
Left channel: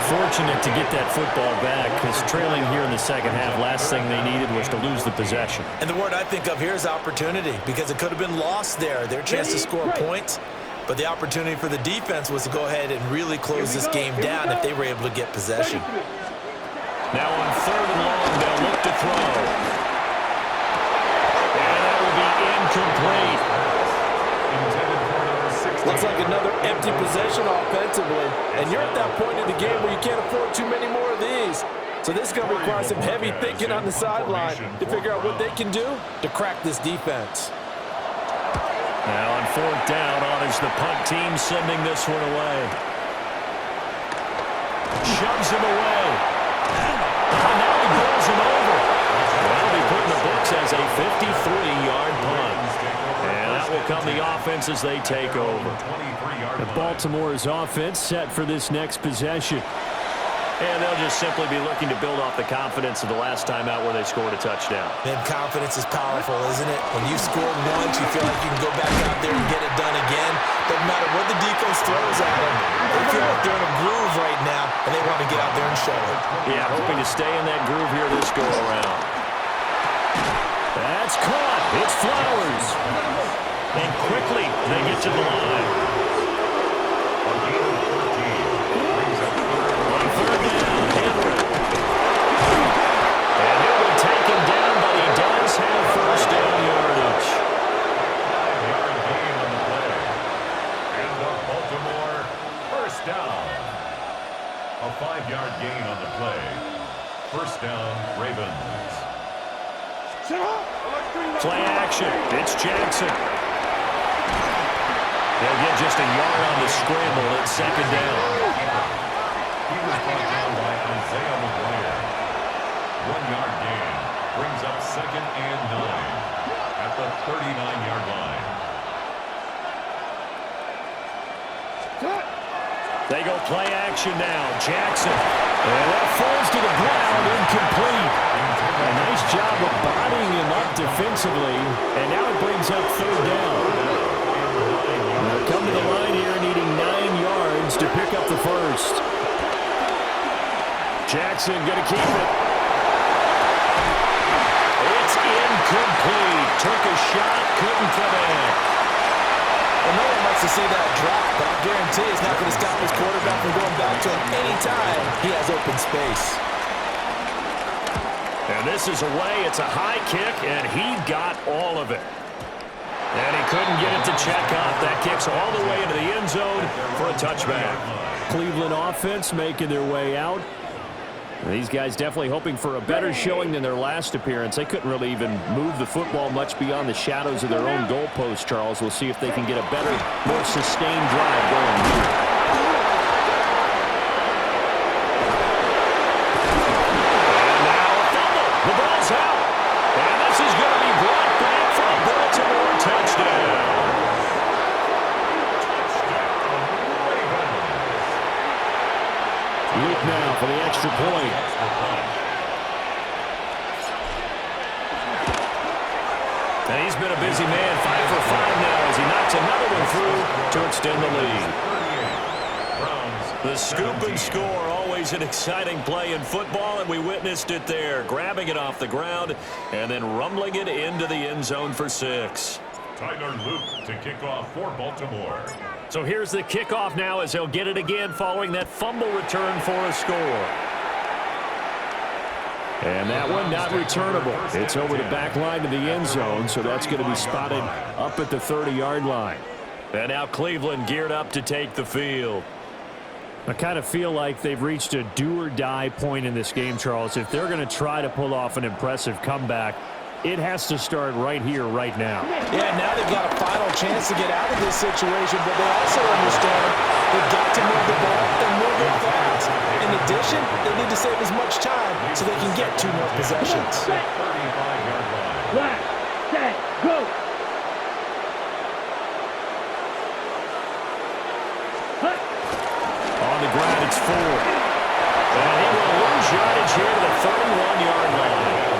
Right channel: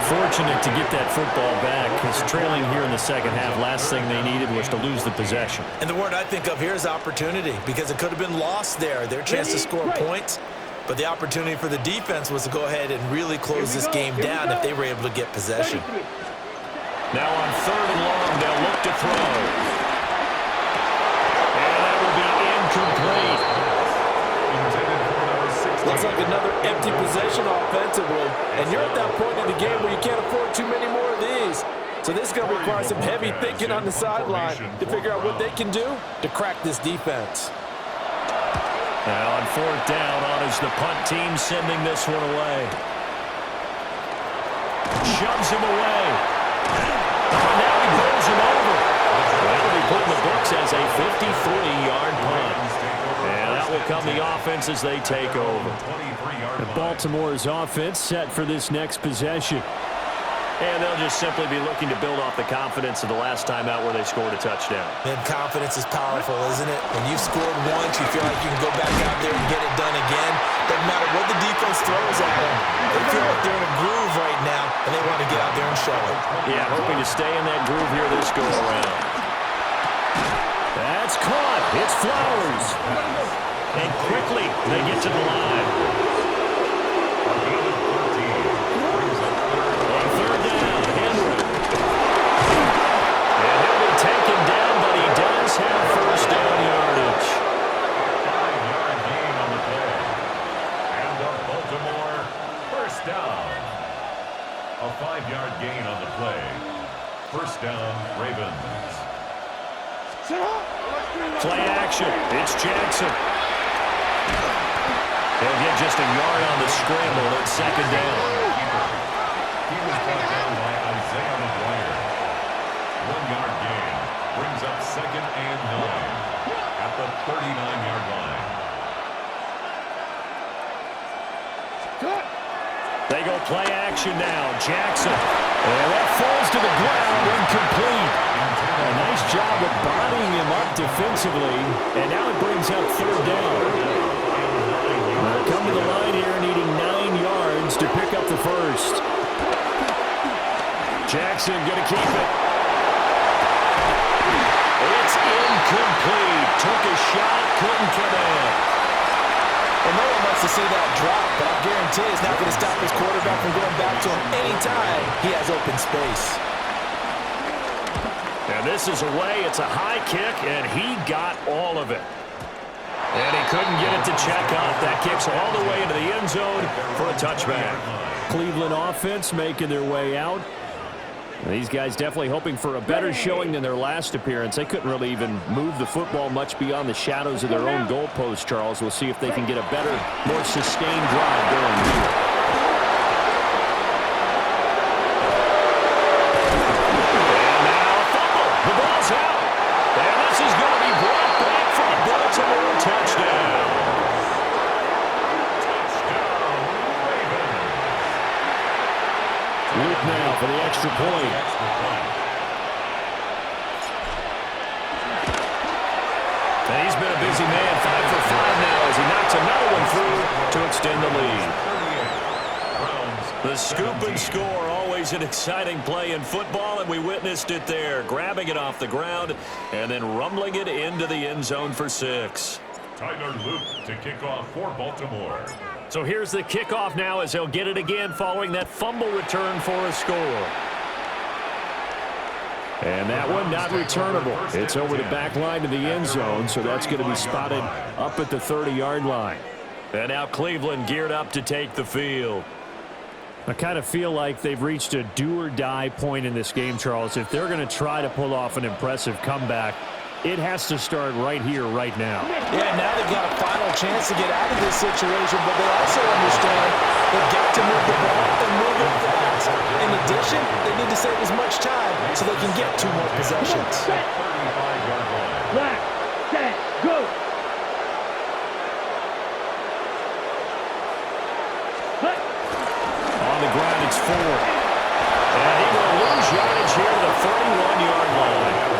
Fortunate to get that football back, because trailing here in the second half, last thing they needed was to lose the possession. And the word I think of here is opportunity, because it could have been lost there. Their chance to score points, but the opportunity for the defense was to go ahead and really close this game down if they were able to get possession. Now on 3rd and long, they'll look to throw. And that will be incomplete. Looks like another empty possession offensively. And you're at that point in the game where you can't afford too many more of these. So this is going to require some heavy thinking on the sideline to figure out what they can do to crack this defense. Now on 4th down, on is the punt team sending this one away. Shoves him away. Oh, now he rolls him over. That'll be put in the books as a 53-yard punt. And that will come the offense as they take over. The Baltimore's offense set for this next possession. And they'll just simply be looking to build off the confidence of the last time out where they scored a touchdown. And confidence is powerful, isn't it? When you've scored once, you feel like you can go back out there and get it done again. Doesn't matter what the defense throws at them. They feel like they're in a groove right now, and they want to get out there and show it. Yeah, hoping to stay in that groove here this go-around. That's caught. It's Flowers. And quickly, they get to the line. On 3rd down, Henry. And he'll be taken down, but he does have 1st down yardage. 5-yard gain on the play. And the Baltimore 1st down. A 5-yard gain on the play. 1st down, Ravens. Play action. It's Jackson. They'll get just a yard on the scramble at 2nd down. He was brought down by Isaiah McGuire. 1-yard gain brings up 2nd and 9 at the 39-yard line. They go play action now. Jackson. And that falls to the ground, incomplete. A nice job of bodying him up defensively. And now it brings up 3rd down. They'll come to the line here needing 9 yards to pick up the 1st. Jackson going to keep it. It's incomplete. Took a shot, couldn't connect. Well, no one wants to see that drop, but I guarantee it's not going to stop his quarterback from going back to him anytime he has open space. And this is away. It's a high kick, and he got all of it. And he couldn't get it to check up. That kicks all the way into the end zone for a touchback. Cleveland offense making their way out. These guys definitely hoping for a better showing than their last appearance. They couldn't really even move the football much beyond the shadows of their own goalpost, Charles. We'll see if they can get a better, more sustained drive going here. And now a fumble. The ball's out. And this is going to be brought back for a Baltimore touchdown. Luke now for the extra point. And he's been a busy man, 5 for 5 now as he knocks another one through to extend the lead. The scoop and score, always an exciting play in football, and we witnessed it there, grabbing it off the ground and then rumbling it into the end zone for 6. Tyler Luke to kick off for Baltimore. So here's the kickoff now as they'll get it again following that fumble return for a score. And that one not returnable. It's over the back line to the end zone, so that's going to be spotted up at the 30-yard line. And now Cleveland geared up to take the field. I kind of feel like they've reached a do-or-die point in this game, Charles. If they're going to try to pull off an impressive comeback, It has to start right here, right now. Yeah, now they've got a final chance to get out of this situation, but they also understand they've got to move the ball and move it fast. In addition, they need to save as much time so they can get 2 more possessions. 35-yard line. Black, set, go. On the ground, it's Ford. And he will lose yardage here to the 31-yard line.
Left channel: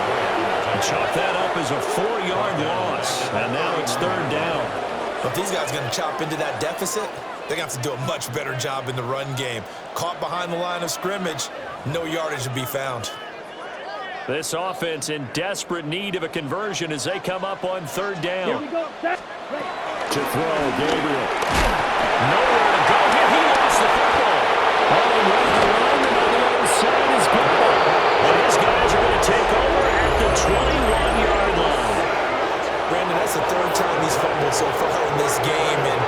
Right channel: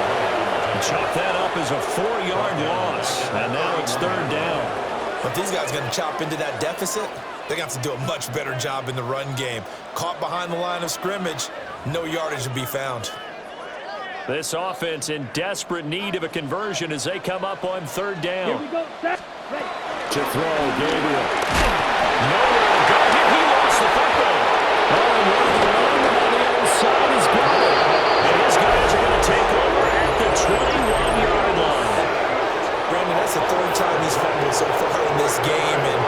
Chalk that up as a 4-yard loss. And now it's 3rd down. If these guys are going to chop into that deficit, they're going to have to do a much better job in the run game. Caught behind the line of scrimmage, no yardage to be found. This offense in desperate need of a conversion as they come up on 3rd down. Here we go. Set. Ready. To throw, Gabriel. Nowhere to go here. He lost the football. Oh, and one of the linemen on the other side has got it. And his guys are going to take over at the 21-yard line. Brandon, that's the 3rd time he's fumbled so far in this game. And,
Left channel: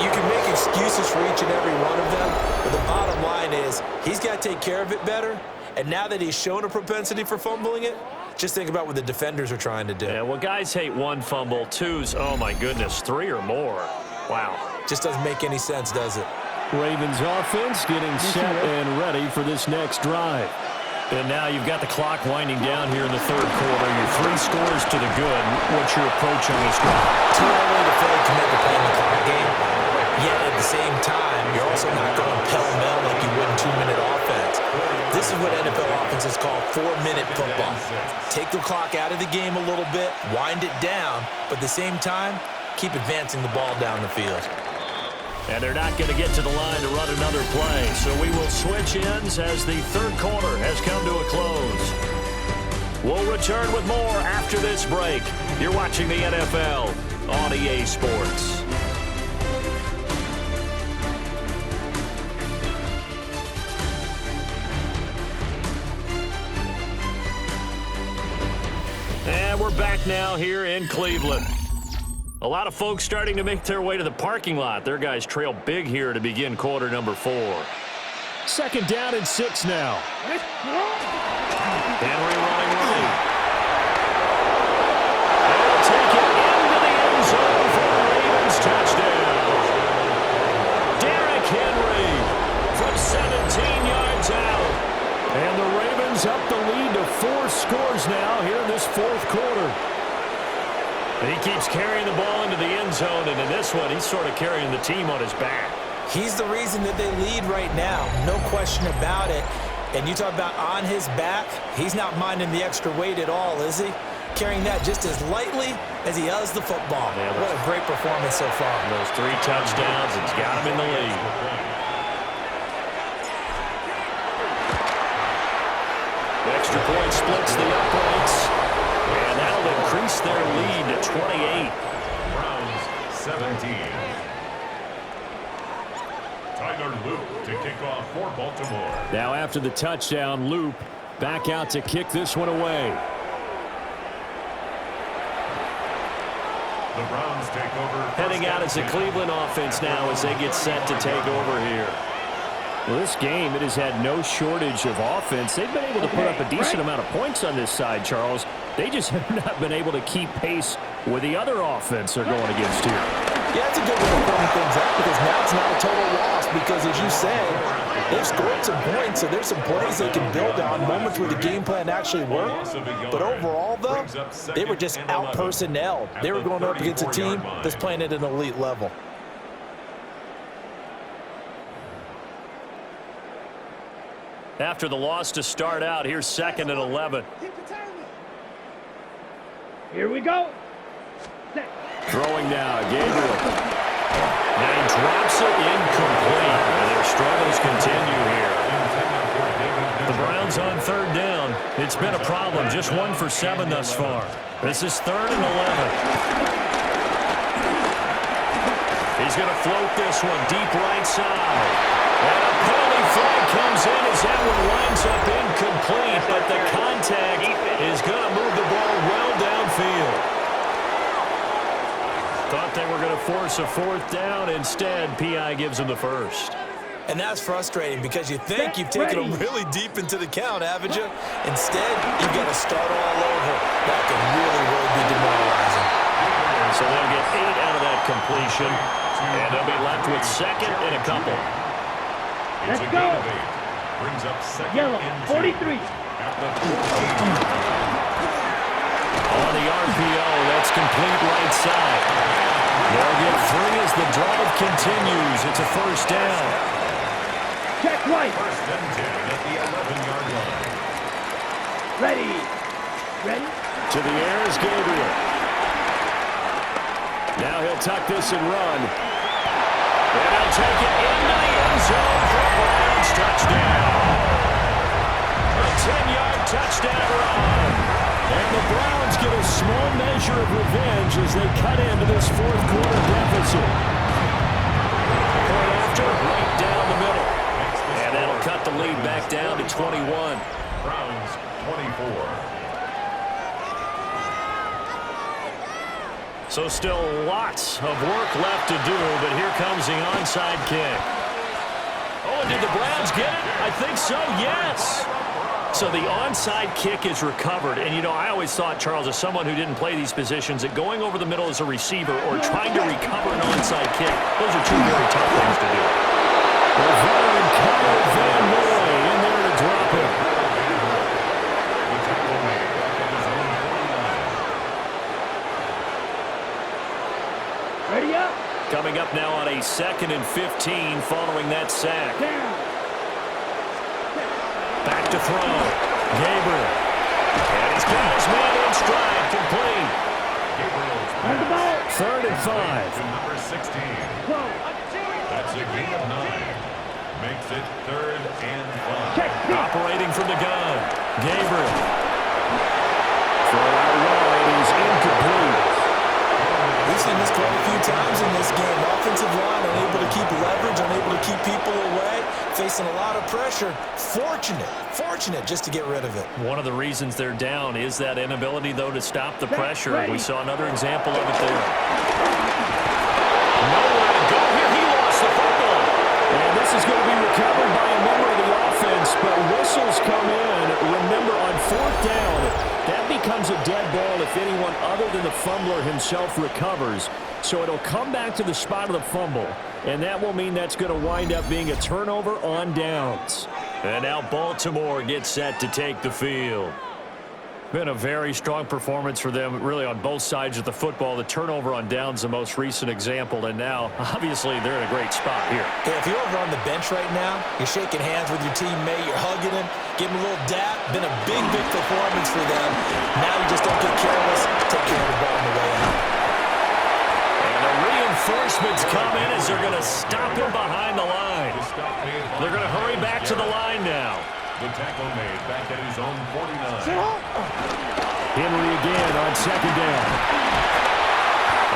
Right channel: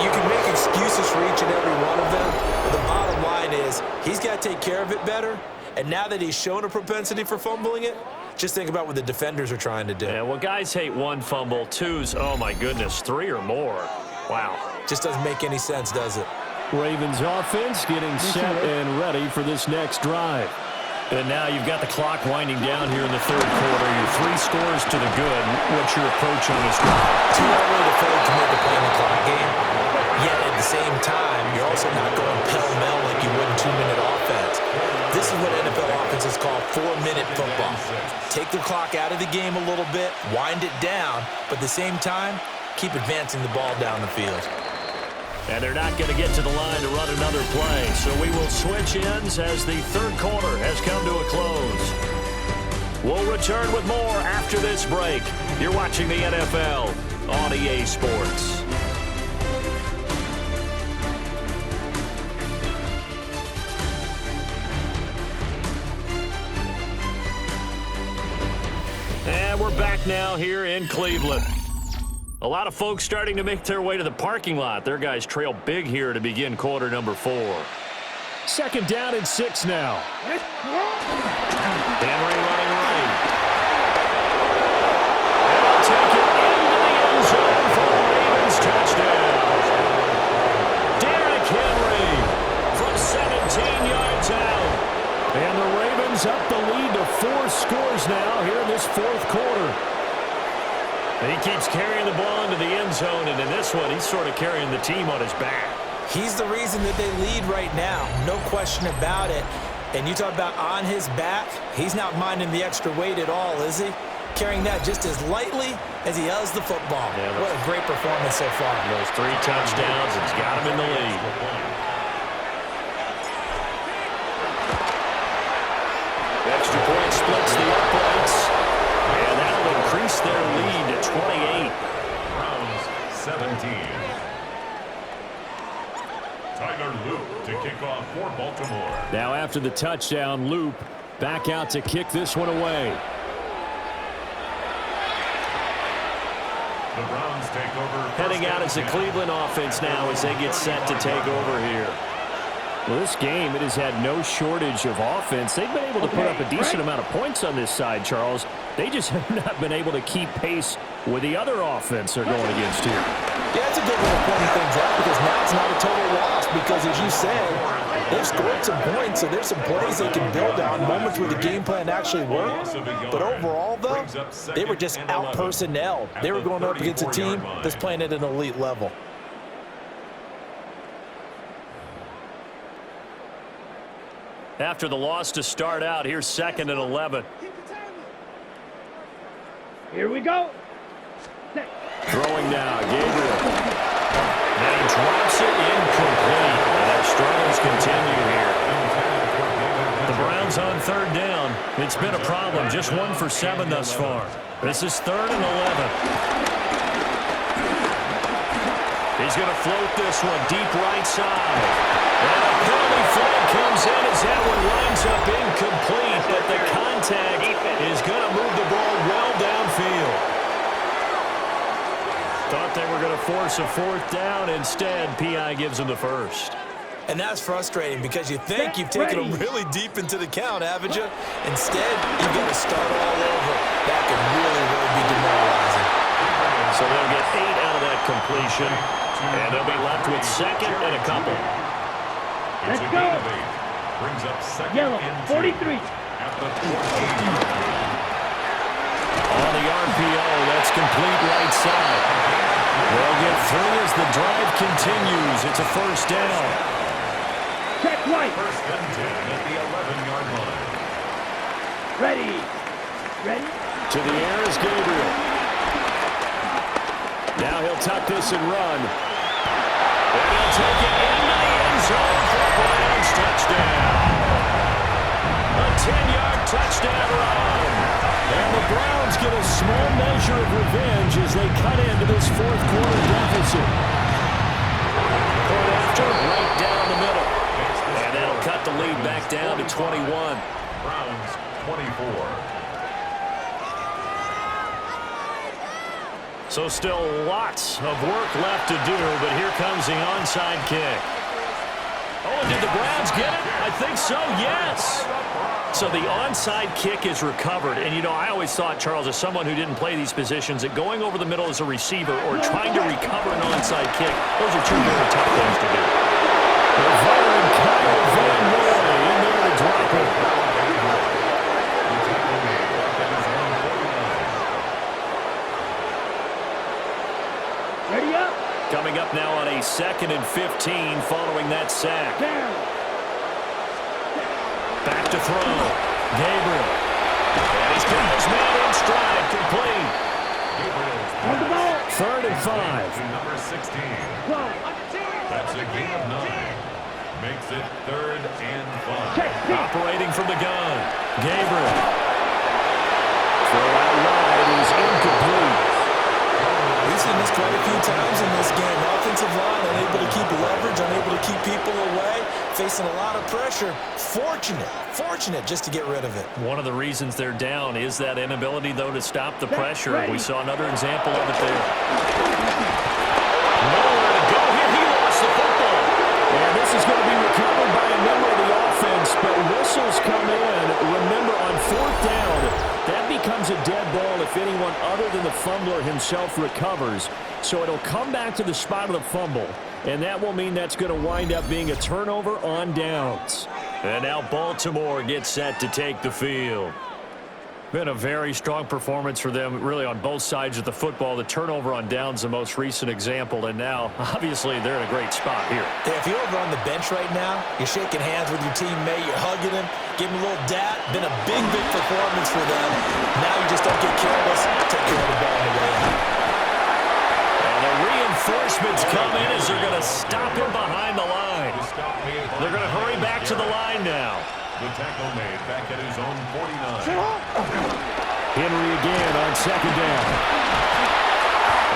you can make excuses for each and every one of them. But the bottom line is he's got to take care of it better. And now that he's shown a propensity for fumbling it, just think about what the defenders are trying to do. Yeah, well, guys hate 1 fumble, 2's, oh, my goodness, 3 or more. Wow. Just doesn't make any sense, does it? Ravens offense getting set and ready for this next drive. And now you've got the clock winding down here in the 3rd quarter. You're 3 scores to the good. What's your approach on this drive? Too early to fully commit to playing the clock game. Yet at the same time, you're also not going pell-mell like you would in 2-minute offense. This is what NFL offenses call 4-minute football. Take the clock out of the game a little bit, wind it down, but at the same time, keep advancing the ball down the field. And they're not going to get to the line to run another play, so we will switch ends as the 3rd quarter has come to a close. We'll return with more after this break. You're watching the NFL on EA Sports. And we're back now here in Cleveland. A lot of folks starting to make their way to the parking lot. Their guys trail big here to begin quarter number 4. 2nd down and 6 now. Henry running right. They'll take it into the end zone for the Ravens touchdown. Derrick Henry from 17 yards out. And the Ravens up the lead to 4 scores now here in this 4th quarter. He keeps carrying the ball into the end zone, and in this one, he's sort of carrying the team on his back. He's the reason that they lead right now, no question about it. And you talk about on his back, he's not minding the extra weight at all, is he? Carrying that just as lightly as he does the football. Yeah, what a great performance so far. Those 3 touchdowns, it's got him in the lead. The extra point splits the uprights. And that'll increase their lead to 28. Browns 17. Tyler Loop to kick off for Baltimore. Now after the touchdown, Loop back out to kick this one away. The Browns take over. Heading out as a Cleveland offense now as they get set to take over here. Well, this game, it has had no shortage of offense. They've been able to put up a decent amount of points on this side, Charles. They just have not been able to keep pace with the other offense they're going against here. Yeah, that's a good way of pointing things out because now it's not a total loss because, as you said, they've scored some points, so there's some plays they can build on, moments where the game plan actually worked. But overall, though, they were just out-personnelled. They were going up against a team that's playing at an elite level. After the loss to start out, here's 2nd and 11. Here we go. Set. Throwing now, Gabriel. And he drops it incomplete. And their struggles continue here. The Browns on 3rd down. It's been a problem. Just 1 for 7 thus far. This is 3rd and 11. He's going to float this one deep right side. And a penalty flag comes in as that one lines up incomplete, but the contact is going to move the ball well downfield. Thought they were going to force a 4th down. Instead, P.I. gives them the first. And that's frustrating because you think you've taken them really deep into the count, haven't you? Instead, you've got to start all over. That can really, really be demoralizing. So they'll get 8 out of that completion, and they'll be left with second and a couple. It's a gain of 8. Brings up second Yellow, and 43. At the 14-yard line. On the RPO, that's complete right side. They'll get 3 as the drive continues. It's a first down. Check right. First and 10 at the 11-yard line. Ready. Ready. To the air is Gabriel. Now he'll tuck this and run. And he'll take it into the end zone for a Browns touchdown. A 10-yard touchdown run. And the Browns get a small measure of revenge as they cut into this fourth quarter deficit. Point after, right down the middle. And that'll cut the lead back down to 21. Browns 24. So still lots of work left to do, but here comes the onside kick. Oh, and did the Browns get it? I think so, yes. So the onside kick is recovered. And, you know, I always thought, Charles, as someone who didn't play these positions, that going over the middle as a receiver or trying to recover an onside kick, those are two very tough things to do. The veteran Kyle Van Noy in there to drop it. The tackle made back at his own 49. Ready up. Coming up now on a 2nd and 15 following that sack. Down. Back to throw. Gabriel. And he's got his man in stride, complete. Gabriel's On the ball. 3rd and 5. to number 16. Close. That's a gain of 9. Makes it 3rd and 5. Check six. Operating from the gun. Gabriel. Throw out wide is incomplete. We've seen this quite a few times in this game. Offensive line unable to keep leverage, unable to keep people away, facing a lot of pressure. Fortunate just to get rid of it. One of the reasons they're down is that inability, though, to stop the pressure. We saw another example of it there. Nowhere to go here. He lost the football. And this is going to be recovered by a member of the offense, but whistles come in. Remember, on 4th down, that becomes a dead ball if anyone other than the fumbler himself recovers. So it'll come back to the spot of the fumble, and that will mean that's going to wind up being a turnover on downs. And now Baltimore gets set to take the field. Been a very strong performance for them, really, on both sides of the football. The turnover on downs, the most recent example, and now, obviously, they're in a great spot here. Yeah, if you're over on the bench right now, you're shaking hands with your teammate, you're hugging him, give him a little dap. Been a big performance for them. Now you just don't get careless. Take care of the ball on the way out. And the reinforcements come in as they're going to stop him behind the line. They're going to hurry back to the line now. The tackle made back at his own 49. Henry again on 2nd down.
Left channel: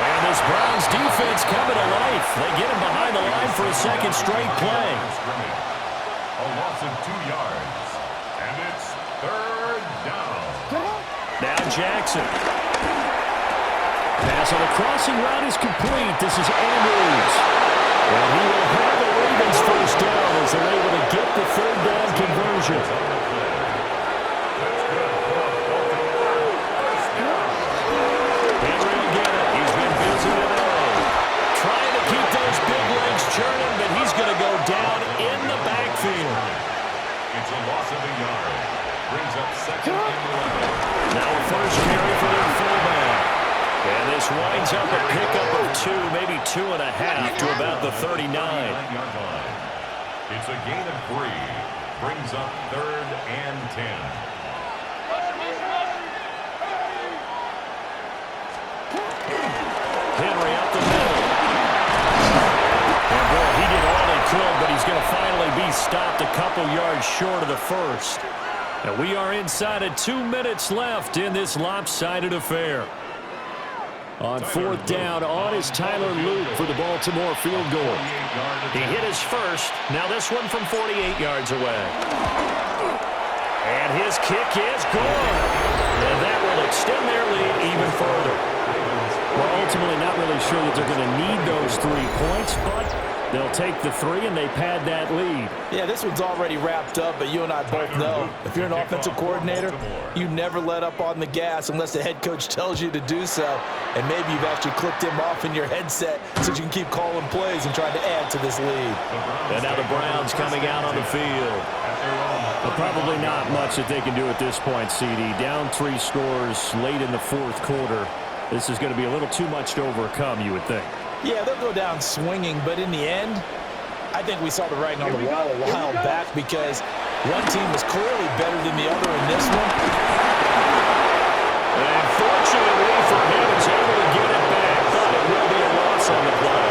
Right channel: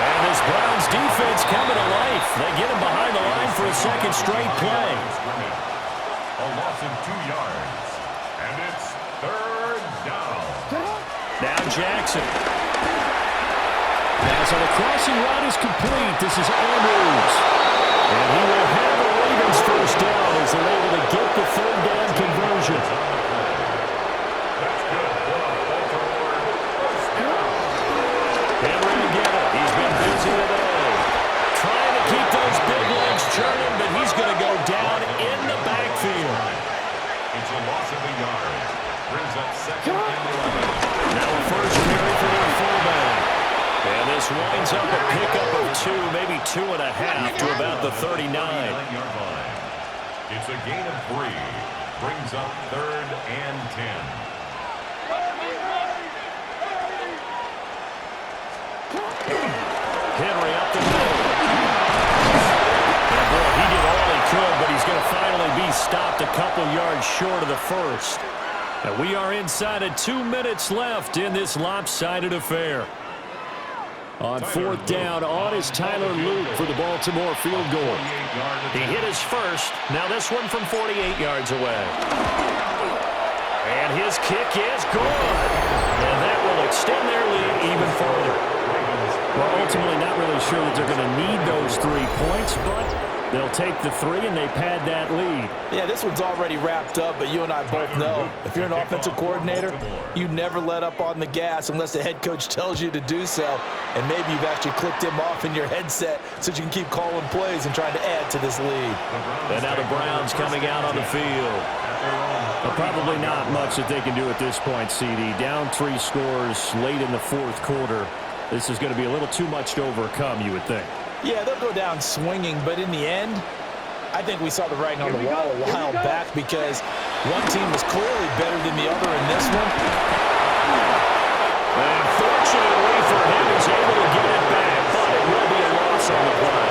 And this Browns defense coming to life. They get him behind the line for a second straight play. A loss of 2 yards. And it's 3rd down. Now Jackson. Pass on the crossing route is complete. This is Andrews. And he will have a Ravens first down as they're able to get the 3rd down conversion. That's good for Baltimore. First down. Henry will get it. He's been busy today. Trying to keep those big legs churning, but he's going to go down in the backfield. It's a loss of a yard. Brings up 2nd and 11. Now a first carry for their fullback. And this winds up a pickup of 2, maybe 2.5 to about the 39. 39-yard line. It's a gain of 3. Brings up 3rd and 10. Henry up the middle. And boy, he did all he could, but he's going to finally be stopped a couple yards short of the first. And we are inside of 2 minutes left in this lopsided affair. On 4th down, on is Tyler Luke for the Baltimore field goal. He hit his first. Now this one from 48 yards away. And his kick is good. And that will extend their lead even further. We're ultimately not really sure that they're going to need those 3 points, but They'll take the 3, and they pad that lead. Yeah, this one's already wrapped up, but you and I both know if you're an offensive coordinator, you never let up on the gas unless the head coach tells you to do so. And maybe you've actually clicked him off in your headset so you can keep calling plays and trying to add to this lead. And now the Browns coming out on the field. But probably not much that they can do at this point, CD. Down 3 scores late in the 4th quarter. This is going to be a little too much to overcome, you would think. Yeah, they'll go down swinging, but in the end, I think we saw the writing on the wall a while back because one team was clearly better than the other in this one. And fortunately for him, he's able to get it back, but it will be a loss on the play.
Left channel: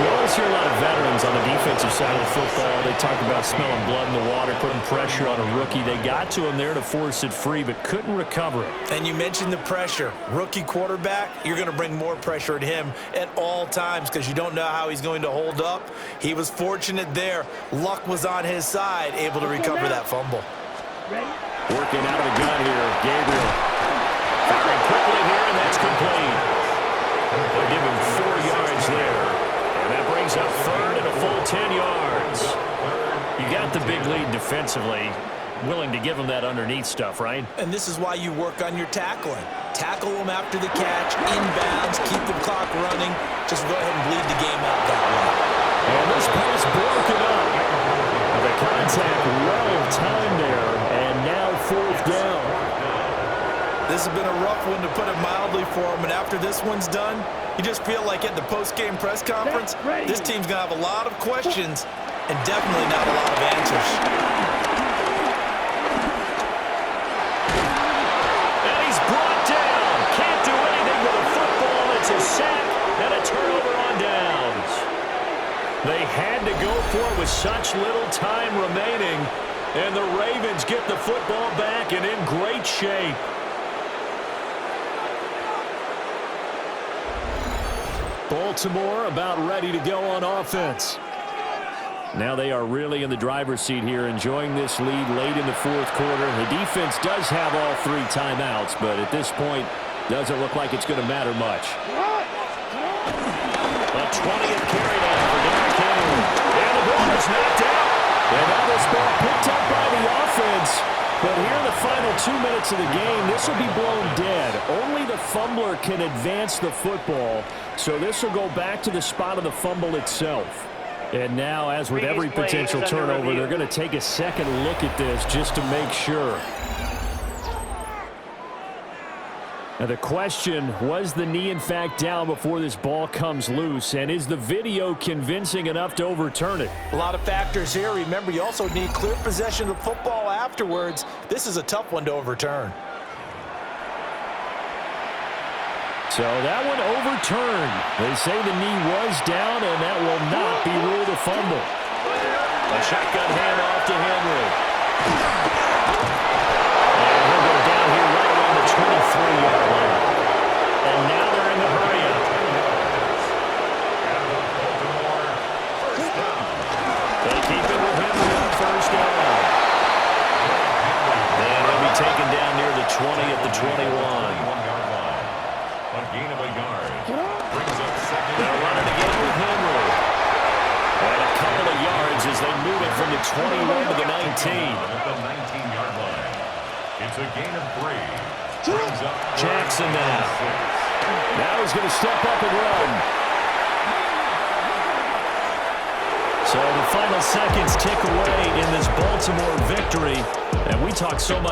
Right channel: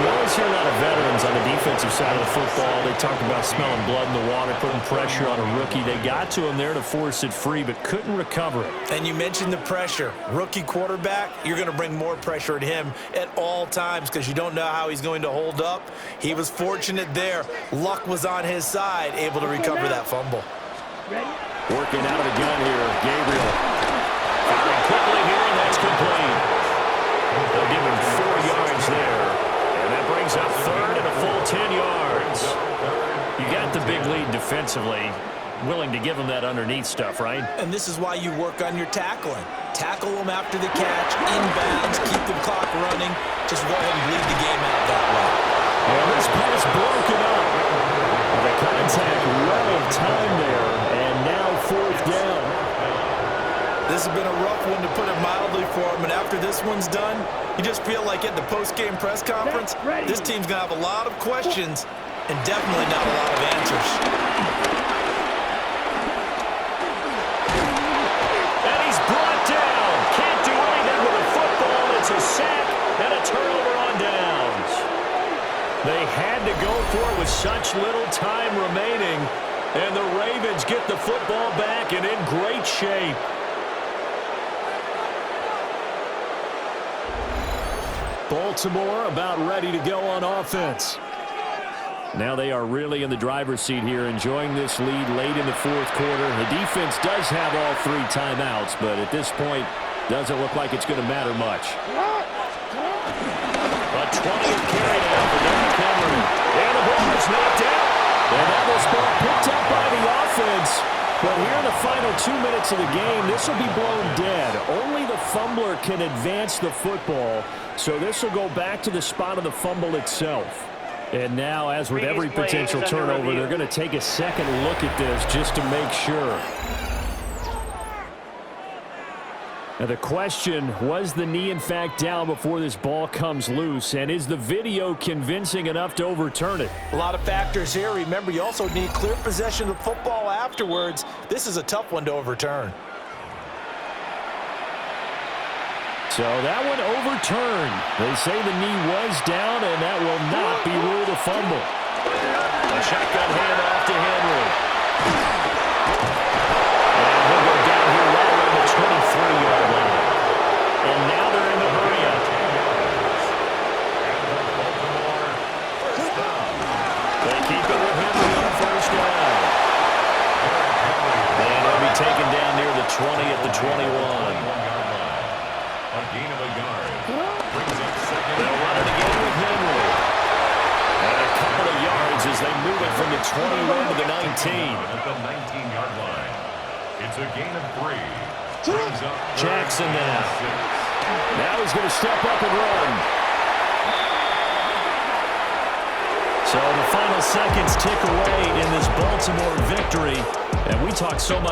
We always hear a lot of veterans on the defensive side of the football. They talk about smelling blood in the water, putting pressure on a rookie. They got to him there to force it free, but couldn't recover it. And you mentioned the pressure. Rookie quarterback, you're going to bring more pressure at him at all times because you don't know how he's going to hold up. He was fortunate there. Luck was on his side, able to recover that fumble. Working out of the gun here, Gabriel. Firing quickly here, and that's complete. They'll give him 4 yards there. And that brings up 3rd and a full 10 yards. You got the big lead defensively. Willing to give them that underneath stuff, right? And this is why you work on your tackling. Tackle them after the catch, inbounds, keep the clock running. Just go ahead and bleed the game out that way. And this pass broken up. The contact well timed there, and now 4th down. This has been a rough one to put it mildly for him, and after this one's done, you just feel like at the post-game press conference, this team's going to have a lot of questions and definitely not a lot of answers. And he's brought down. Can't do anything with a football. It's a sack and a turnover on downs. They had to go for it with such little time remaining, and the Ravens get the football back and in great shape. Baltimore about ready to go on offense. Now they are really in the driver's seat here, enjoying this lead late in the 4th quarter. The defense does have all 3 timeouts, but at this point, doesn't look like it's going to matter much. A 20th carry now for Derrick Henry. And the ball is knocked out. And now this ball picked up by the offense. But here in the final 2 minutes of the game, this will be blown dead. Only the fumbler can advance the football, so this will go back to the spot of the fumble itself. And now, as with every potential turnover, they're going to take a second look at this just to make sure. Now the question, was the knee in fact down before this ball comes loose? And is the video convincing enough to overturn it? A lot of factors here. Remember, you also need clear possession of the football afterwards. This is a tough one to overturn. So that one overturned. They say the knee was down, and that will not be ruled a fumble. A shotgun handoff to Henry. And he'll go down here right around the 23-yard line. And now they're in the hurry-up. And the Baltimore first down. They keep it with Henry on first down. And he'll be taken down near the 20 at the 21. 21-yard line. A gain of a yard. Brings up second. They'll run it again with Henry. And a couple of yards as they move it from the 21 to the 19. At the 19-yard line. It's a gain of 3. Brings up Jackson now. Now he's going to step up and run. So the final seconds tick away in this Baltimore victory. And we talk so much